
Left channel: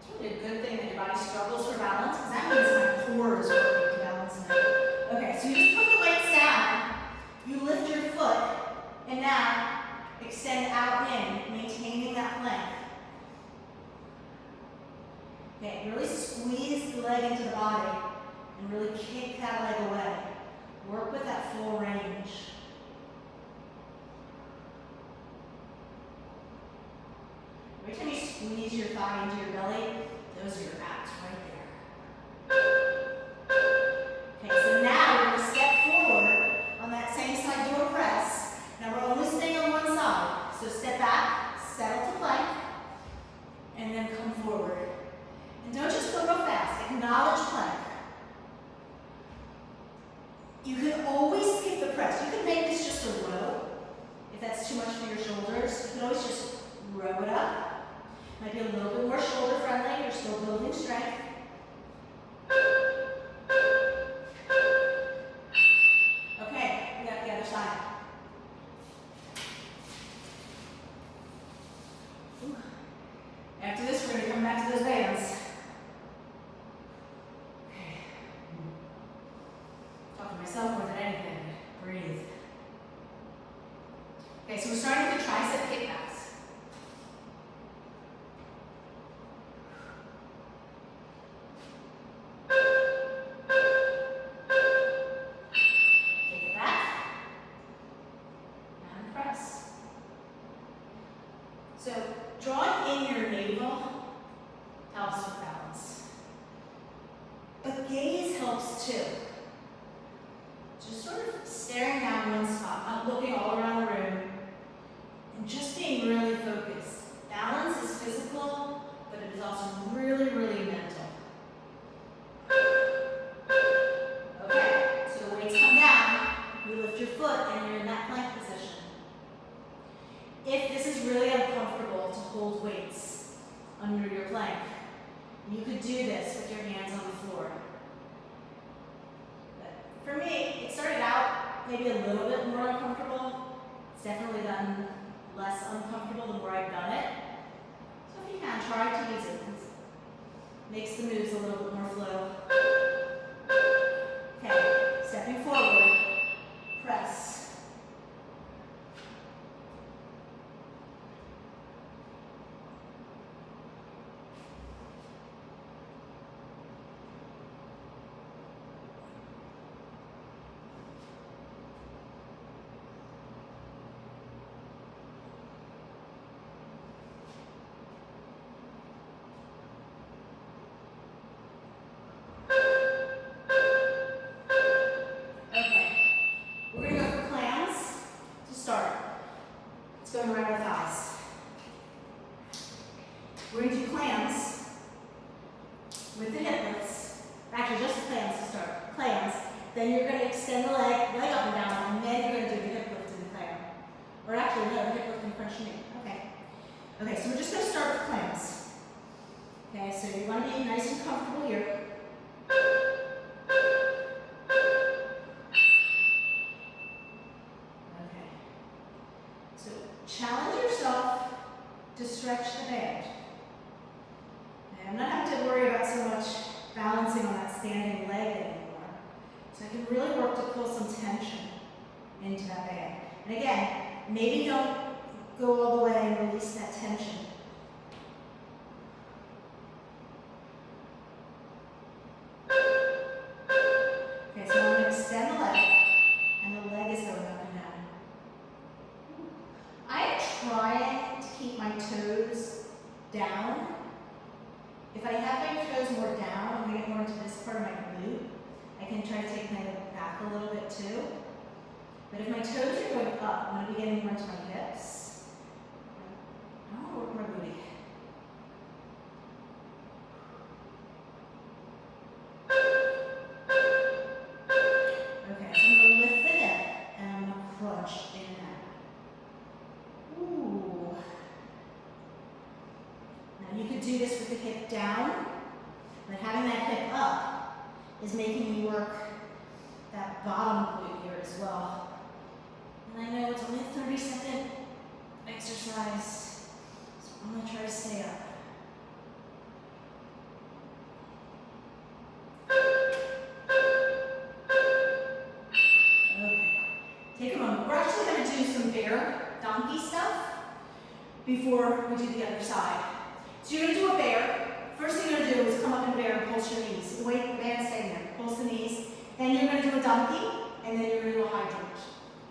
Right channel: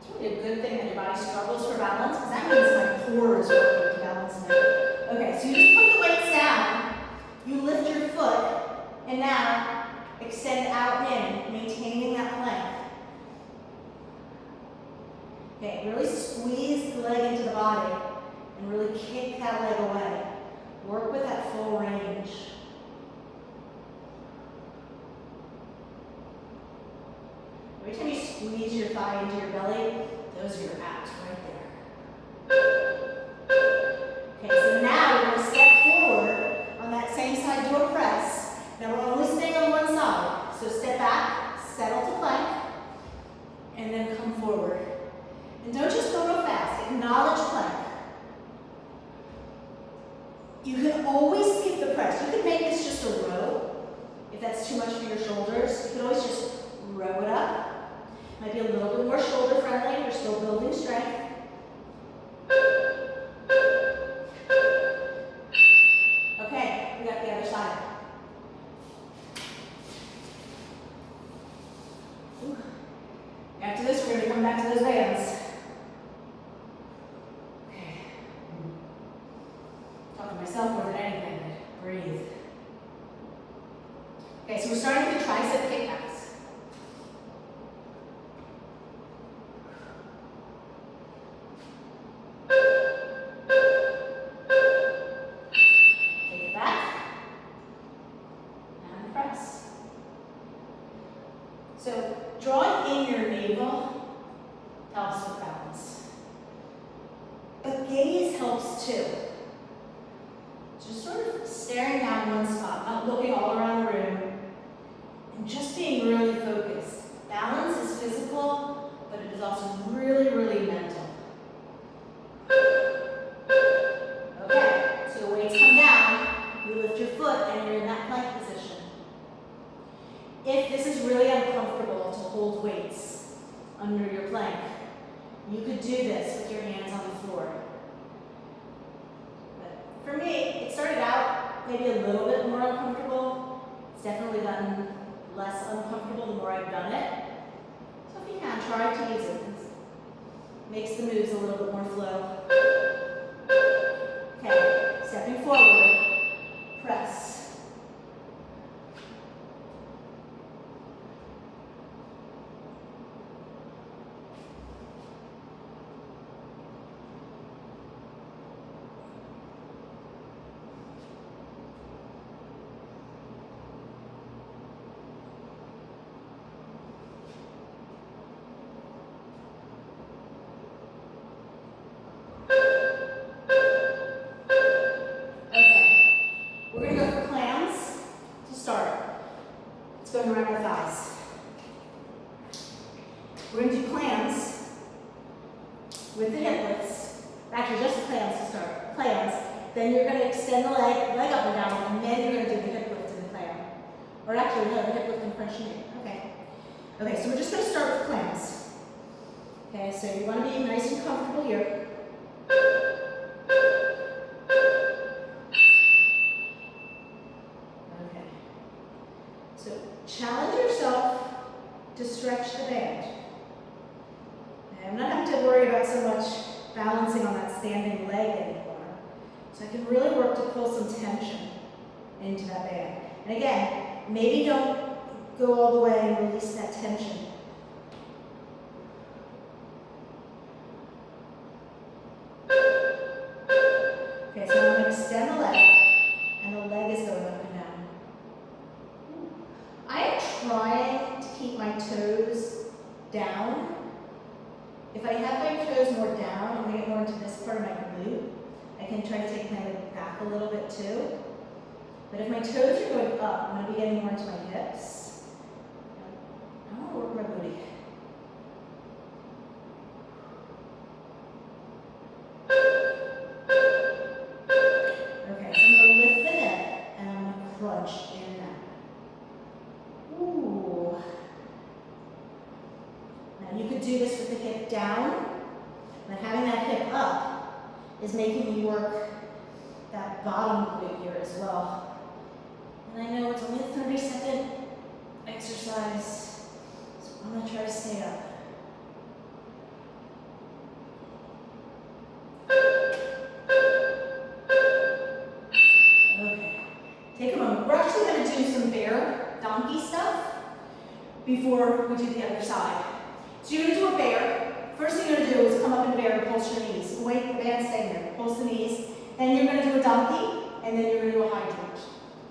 It's really a good thing that your body struggles for balance, because that means my core is working to balance now. Okay, so you just put the weights down, you lift your foot, and now, extend out and in, maintaining that plank. Okay, really squeeze the leg into the body and really kick that leg away. Work with that full range. Every time you squeeze your thigh into your belly, those are your abs right there. Okay, so now we're going to step forward on that same side, do a press. Now we're only staying on one side, so step back, settle to plank, and then come forward. And don't just go real fast, acknowledge plank. You can always skip the press. You can make this just a row, if that's too much for your shoulders. You can always just row it up. Might be a little bit more shoulder friendly, you're still building strength. Okay, we got the other side. After this, we're going to come back to those bands. Okay. Talking to myself more than anything. Breathe. Okay, so we're starting with the tricep kickbacks. Kick it back. And press. So, drawing in your navel helps with balance. But gaze helps too. Just sort of staring down one spot, not looking all around the room, and just being really focused. Balance is physical, but it is also really, really mental. Okay, so the weights come down, you lift your foot, and you're in that plank position. If this is really uncomfortable to hold weights under your plank, you could do this with your hands on the floor. But for me, it started out maybe a little bit more uncomfortable. It's definitely gotten less uncomfortable the more I've done it. So if you can, try to use it. It makes the moves a little bit more flow. Okay, stepping forward, press. with the hip lifts, actually just the plans to start, plans, then you're going to extend the leg up and down, and then you're going to do the hip lift in the plan. Or actually, no, the hip lift and crunch knee. Okay. Okay, so we're just going to start with plans. Okay, so you want to be nice and comfortable here. Okay. So challenge yourself to stretch the band. Okay, I'm not having to worry about so much balancing on that standing leg anymore. So I can really work to pull some tension into that band. And again, maybe don't go all the way and release that tension. Okay, so I'm going to extend the leg, and the leg is going up and down. I am trying to keep my toes down. If I have my toes more down, I'm going to get more into this part of my glute. I can try to take my leg back a little bit too. But if my toes are going up, I'm going to be getting more into my hips. I want to work my booty. Okay, so I'm going to lift the hip and I'm going to crunch in and out. Ooh. Now you could do this with the hip down, but having that hip up is making me work that bottom glute here as well. And I know it's only a 30-second exercise, so I'm going to try to stay up. Okay, take a moment. We're actually going to do some bear donkey stuff before we do the other side. So you're going to do a bear. First thing you're going to do is come up in the bear and pulse your knees. Wait, the band's staying there. Pulse the knees. Then you're going to do a donkey, and then you're going to do a hydrant.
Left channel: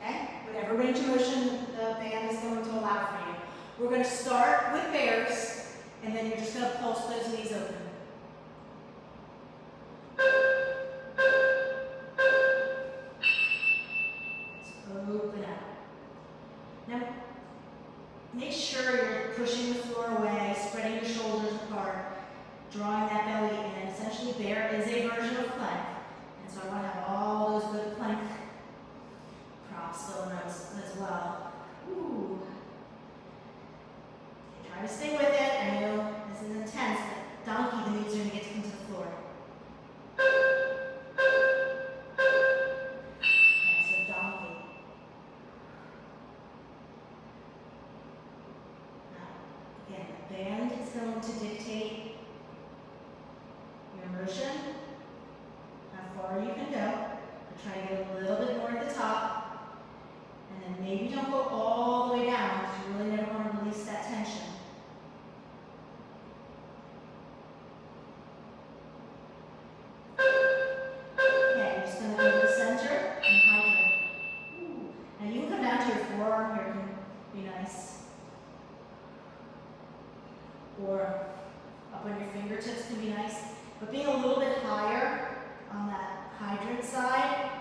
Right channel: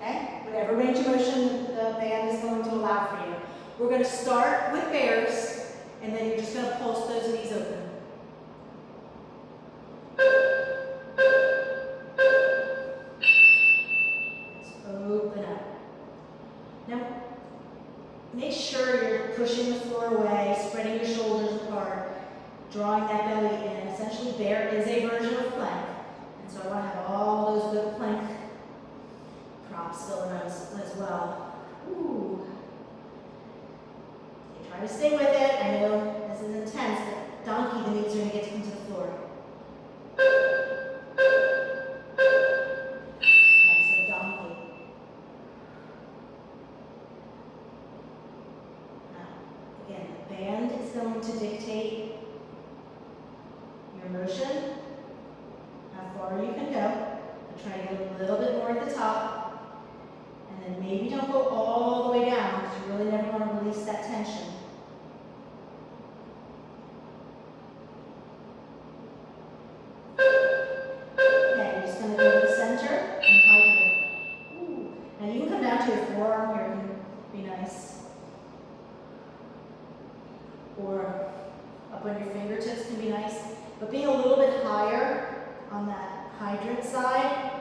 Okay? Whatever range of motion the band is going to allow for you. We're going to start with bears, and then you're just going to pulse those knees open. Let's open up. Now, make sure you're pushing the floor away, spreading your shoulders apart, drawing that belly in. Essentially, bear is a version of plank. And so I want to have all those good plank props going on as well. Ooh. Okay, try to stay with it. I know this is intense, but donkey, the knees are going to get to come to the floor. Okay, so donkey. Now, again, the band is going to dictate your motion, how far you can go. But try to get a little bit more at the top. And then maybe don't go all the way down because you really never want to release that tension. Okay, you're just going to go to the center and hydrate. Ooh. Now you can come down to your forearm here and be nice. Or up on your fingertips can be nice. But being a little bit higher on that hydrant side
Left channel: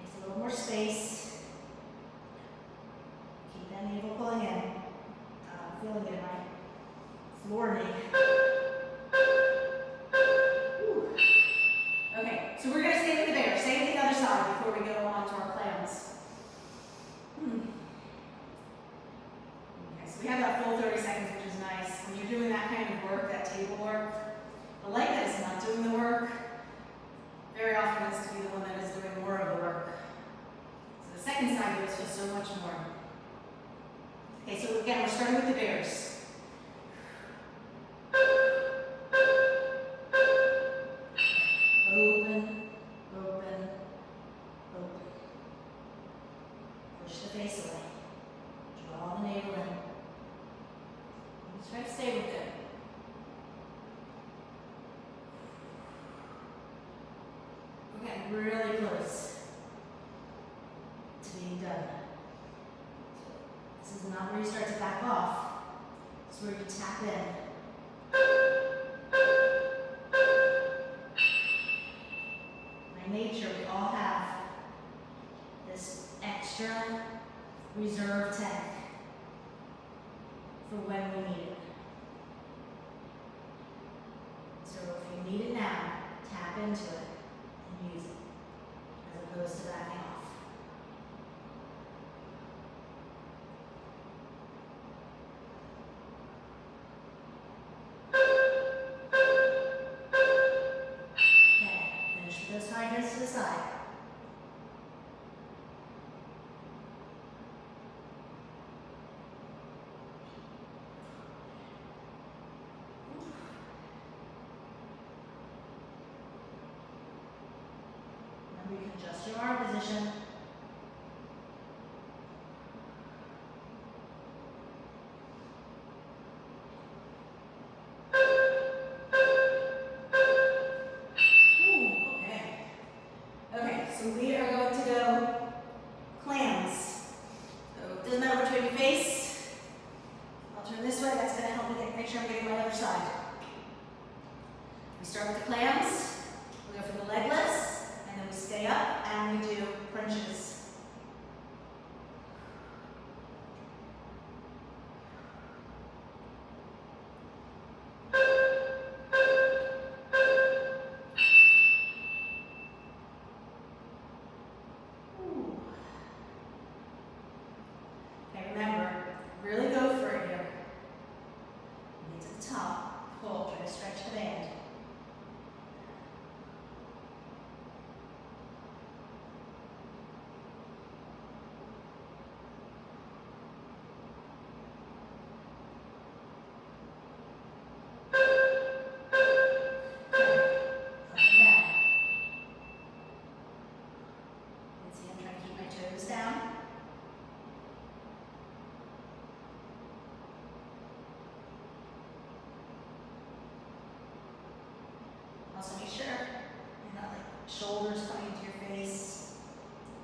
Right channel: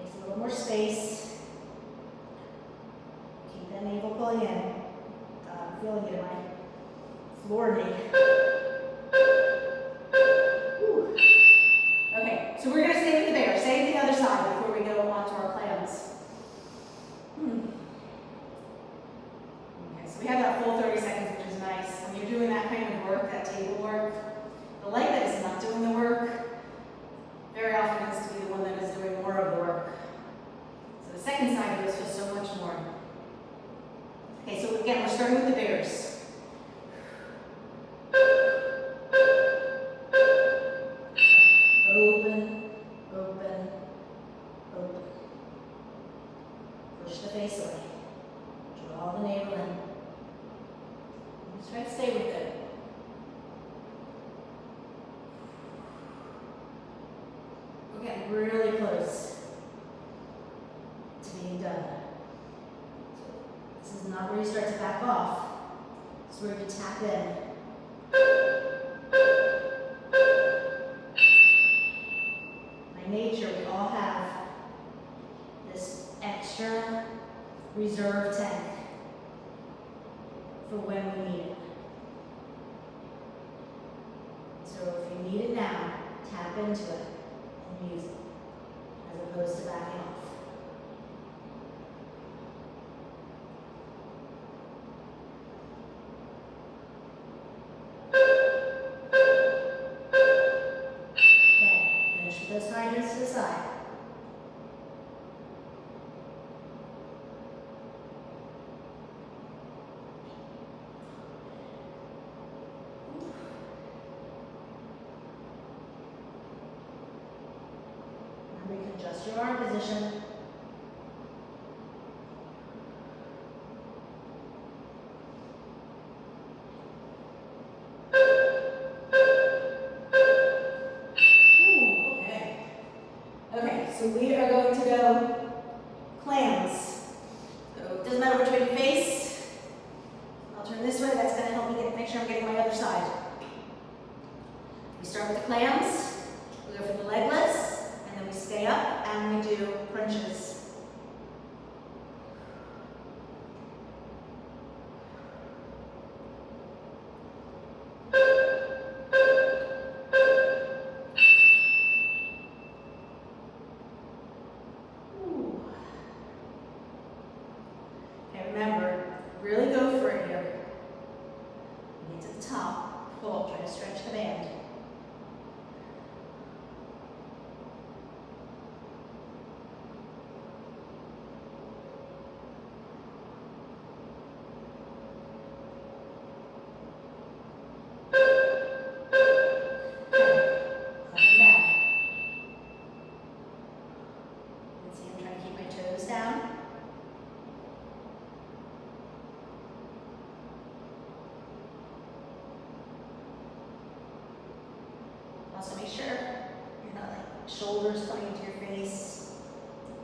makes a little more space. Keep that navel pulling in. I'm feeling it in my floor knee. Whew. Okay, so we're going to stay with the bear. Stay with the other side before we go on to our plans. Okay, so we have that full 30 seconds, which is nice. When you're doing that kind of work, that table work, the leg that is not doing the work very often has to be the one that is doing more of the work. So the second side goes for so much more. Okay, so again, we're starting with the bears. Open, open, open. Push the face away. Draw the navel in. Just try to stay with it. We're getting really close to being done. So this is not where you start to back off. It's where you tap in. By nature, we all have this extra reserve tank for when we need it. tap into it and use it, as opposed to backing off. Okay, finish with those high hands to the side. Adjust your arm position. Ooh, okay. Okay, so we are going to go clams. So it doesn't matter which way you face. I'll turn this way. That's going to help me make sure I'm getting my other side. We start with the clams. We go for the legless. And then we stay up and we do crunches. Ooh. Okay, remember, really go for it here. Get to the top, pull, try to stretch the band. Also make sure you're not like shoulders coming into your face.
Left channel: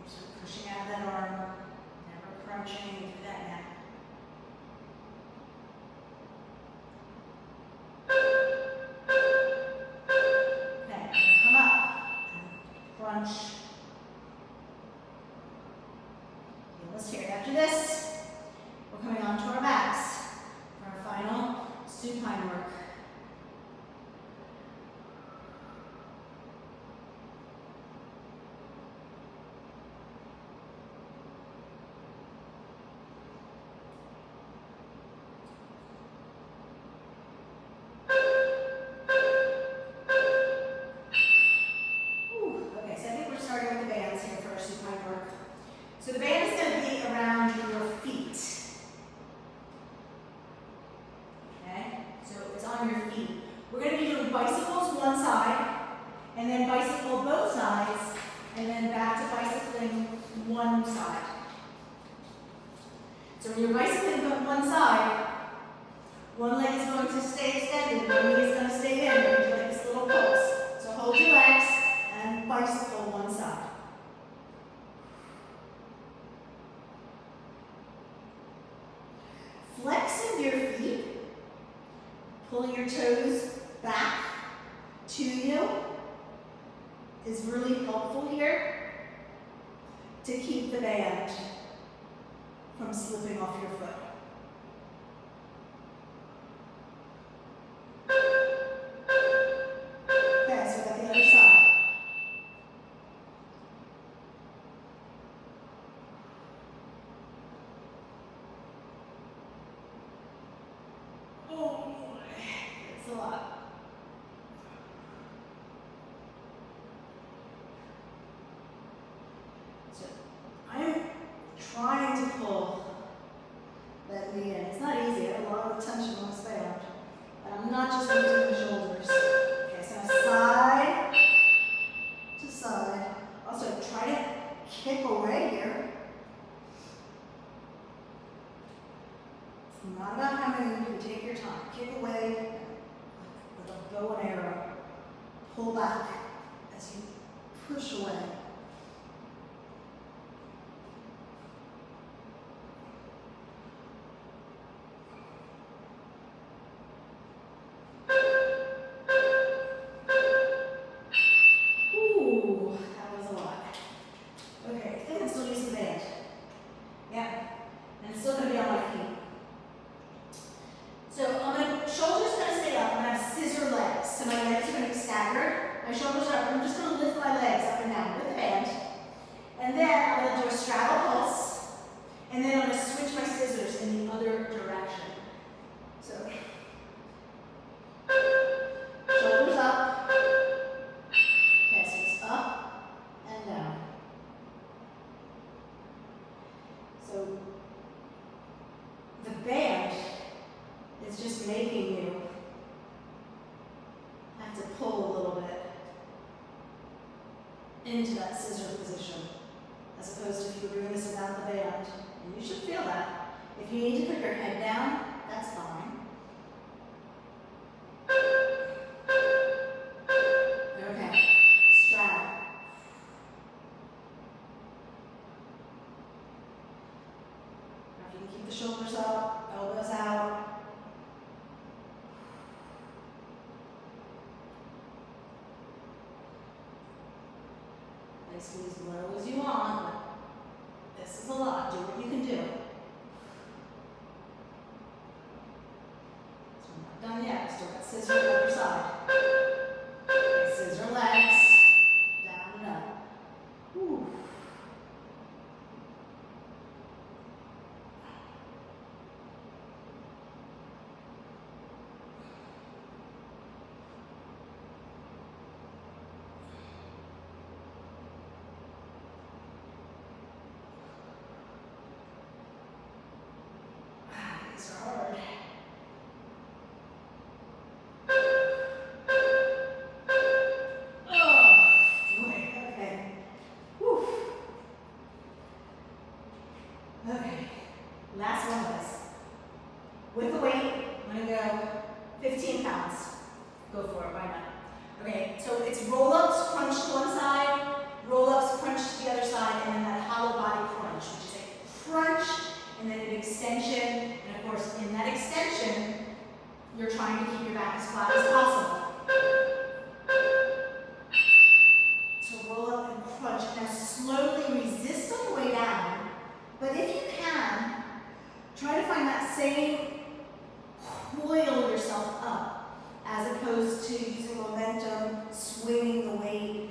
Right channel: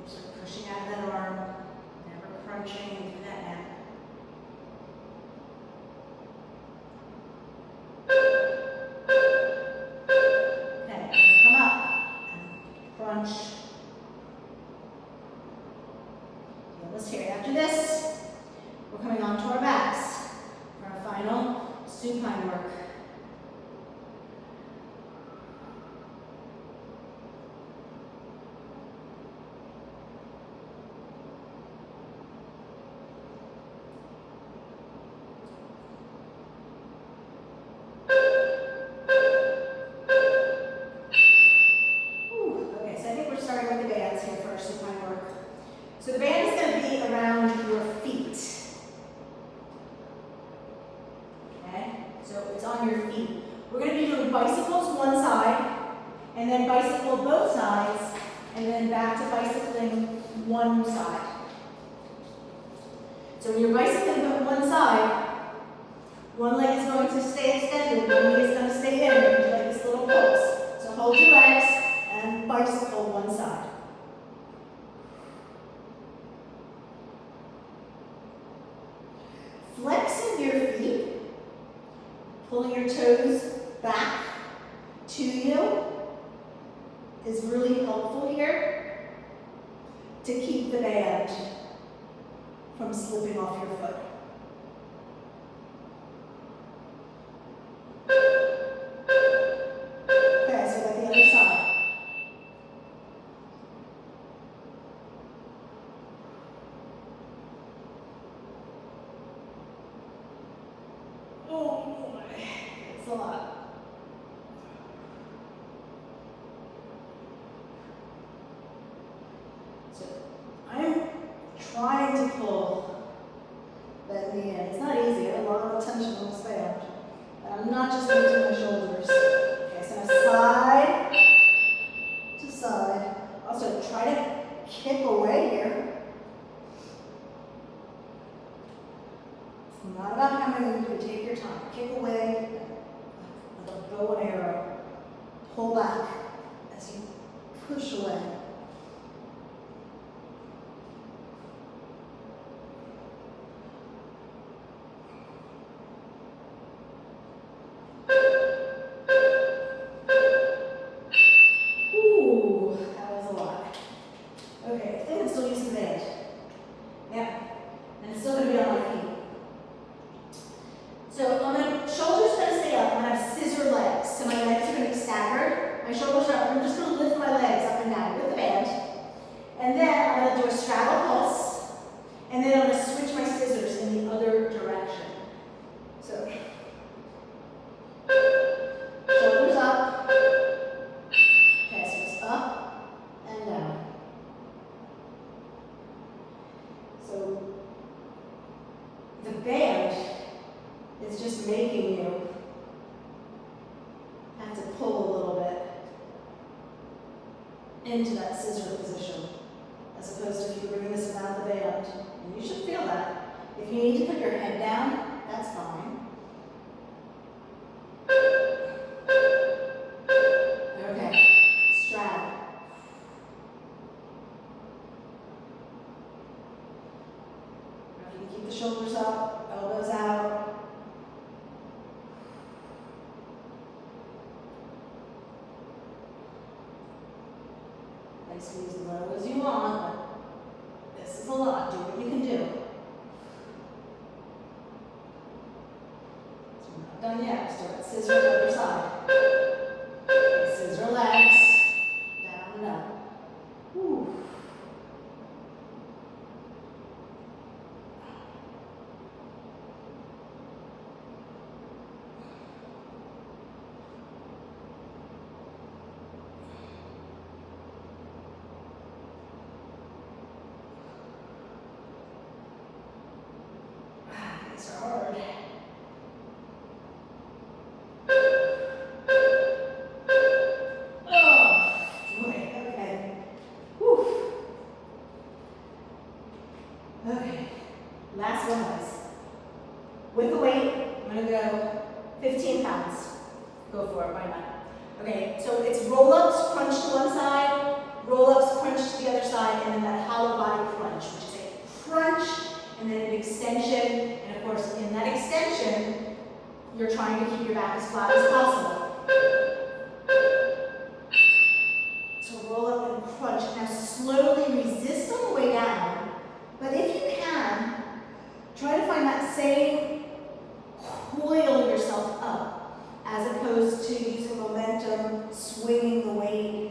You're sort of pushing out of that arm, never crunching through that neck. Okay, come up and crunch. Almost here. After this, we're coming onto our backs for our final supine work. So the band is going to be around your feet. Okay? So it's on your feet. We're going to be doing bicycles one side, and then bicycle both sides, and then back to bicycling one side. So when you're bicycling one side, one leg is going to stay extended, one leg is going to stay in, and you like this little pulse. So hold your legs and bicycle one side. Flexing your feet, pulling your toes back to you is really helpful here to keep the band from slipping off your foot. Okay, so at the other side. Oh boy, it's a lot. So I'm trying to pull that knee in. It's not easy. A lot of tension on this band. But I'm not just lifting my shoulders. Okay, so I'm side to side. Also, try to kick away here. It's not about how many you take your time. Kick away with a bow and arrow. Pull back as you push away. Ooh, that was a lot. Okay, I think I'm still using the band. Yeah, and it's still going to be on my feet. So on my shoulders going to stay up. I'm going to have scissor legs. So my legs are going to be staggered. my shoulders are up. I'm just going to lift my legs up and down with the band. And then I'm going to do a straddle pulse. And then I'm going to switch my scissors in the other direction. So, shoulders up. Okay, so it's up and down. So, the band is just making you have to pull a little bit into that scissor position, as opposed to if you were doing this without the band. And you should feel that. If you need to put your head down, that's fine. Okay, straddle. Now you can keep the shoulders up, elbows out. Nice to use as low as you want, but this is a lot. Do what you can do. So we're not done yet. Still got scissor on the other side. Okay, scissor legs. Down and up. Whew. These are hard. Oh, boy, okay. Whew. Okay, last one, guys. With the weight, I'm gonna go 15 pounds. Go for it, why not? Okay, so it's roll-ups, crunch to one side, roll-ups, crunch to the other side, and then that hollow body crunch, which is a crunch, and then an extension, and of course, in that extension, you're trying to keep your back as flat as possible. So roll up and crunch. Now slowly resist on the way down, but if you can, try to find that same coil yourself up, as opposed to using momentum, swinging the weight.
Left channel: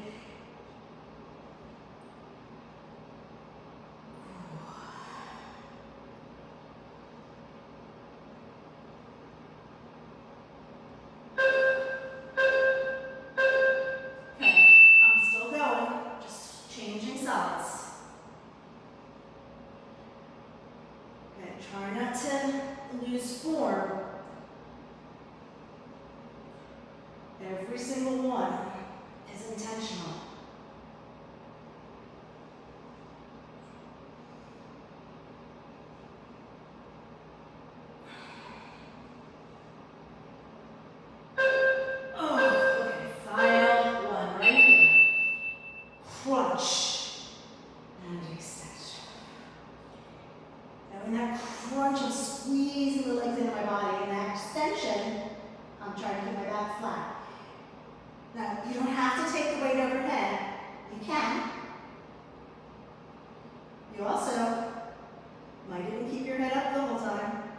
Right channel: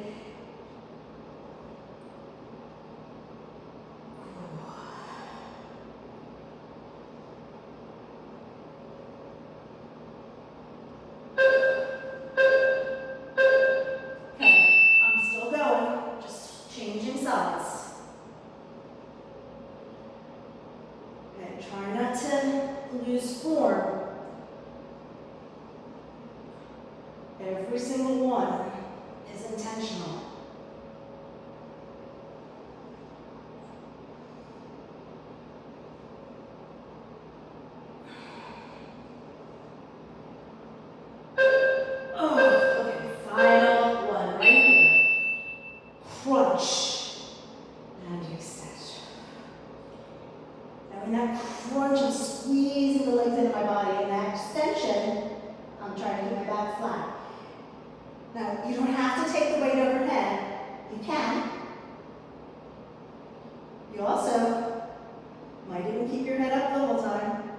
Try not to lose form. Every single one is intentional. Oh, okay, final one right here. Crunch and extension. Now in that crunch, I'm squeezing the legs into my body. In that extension, I'm trying to keep my back flat. Now, you don't have to take the weight overhead. You can. You also might even keep your head up the whole time.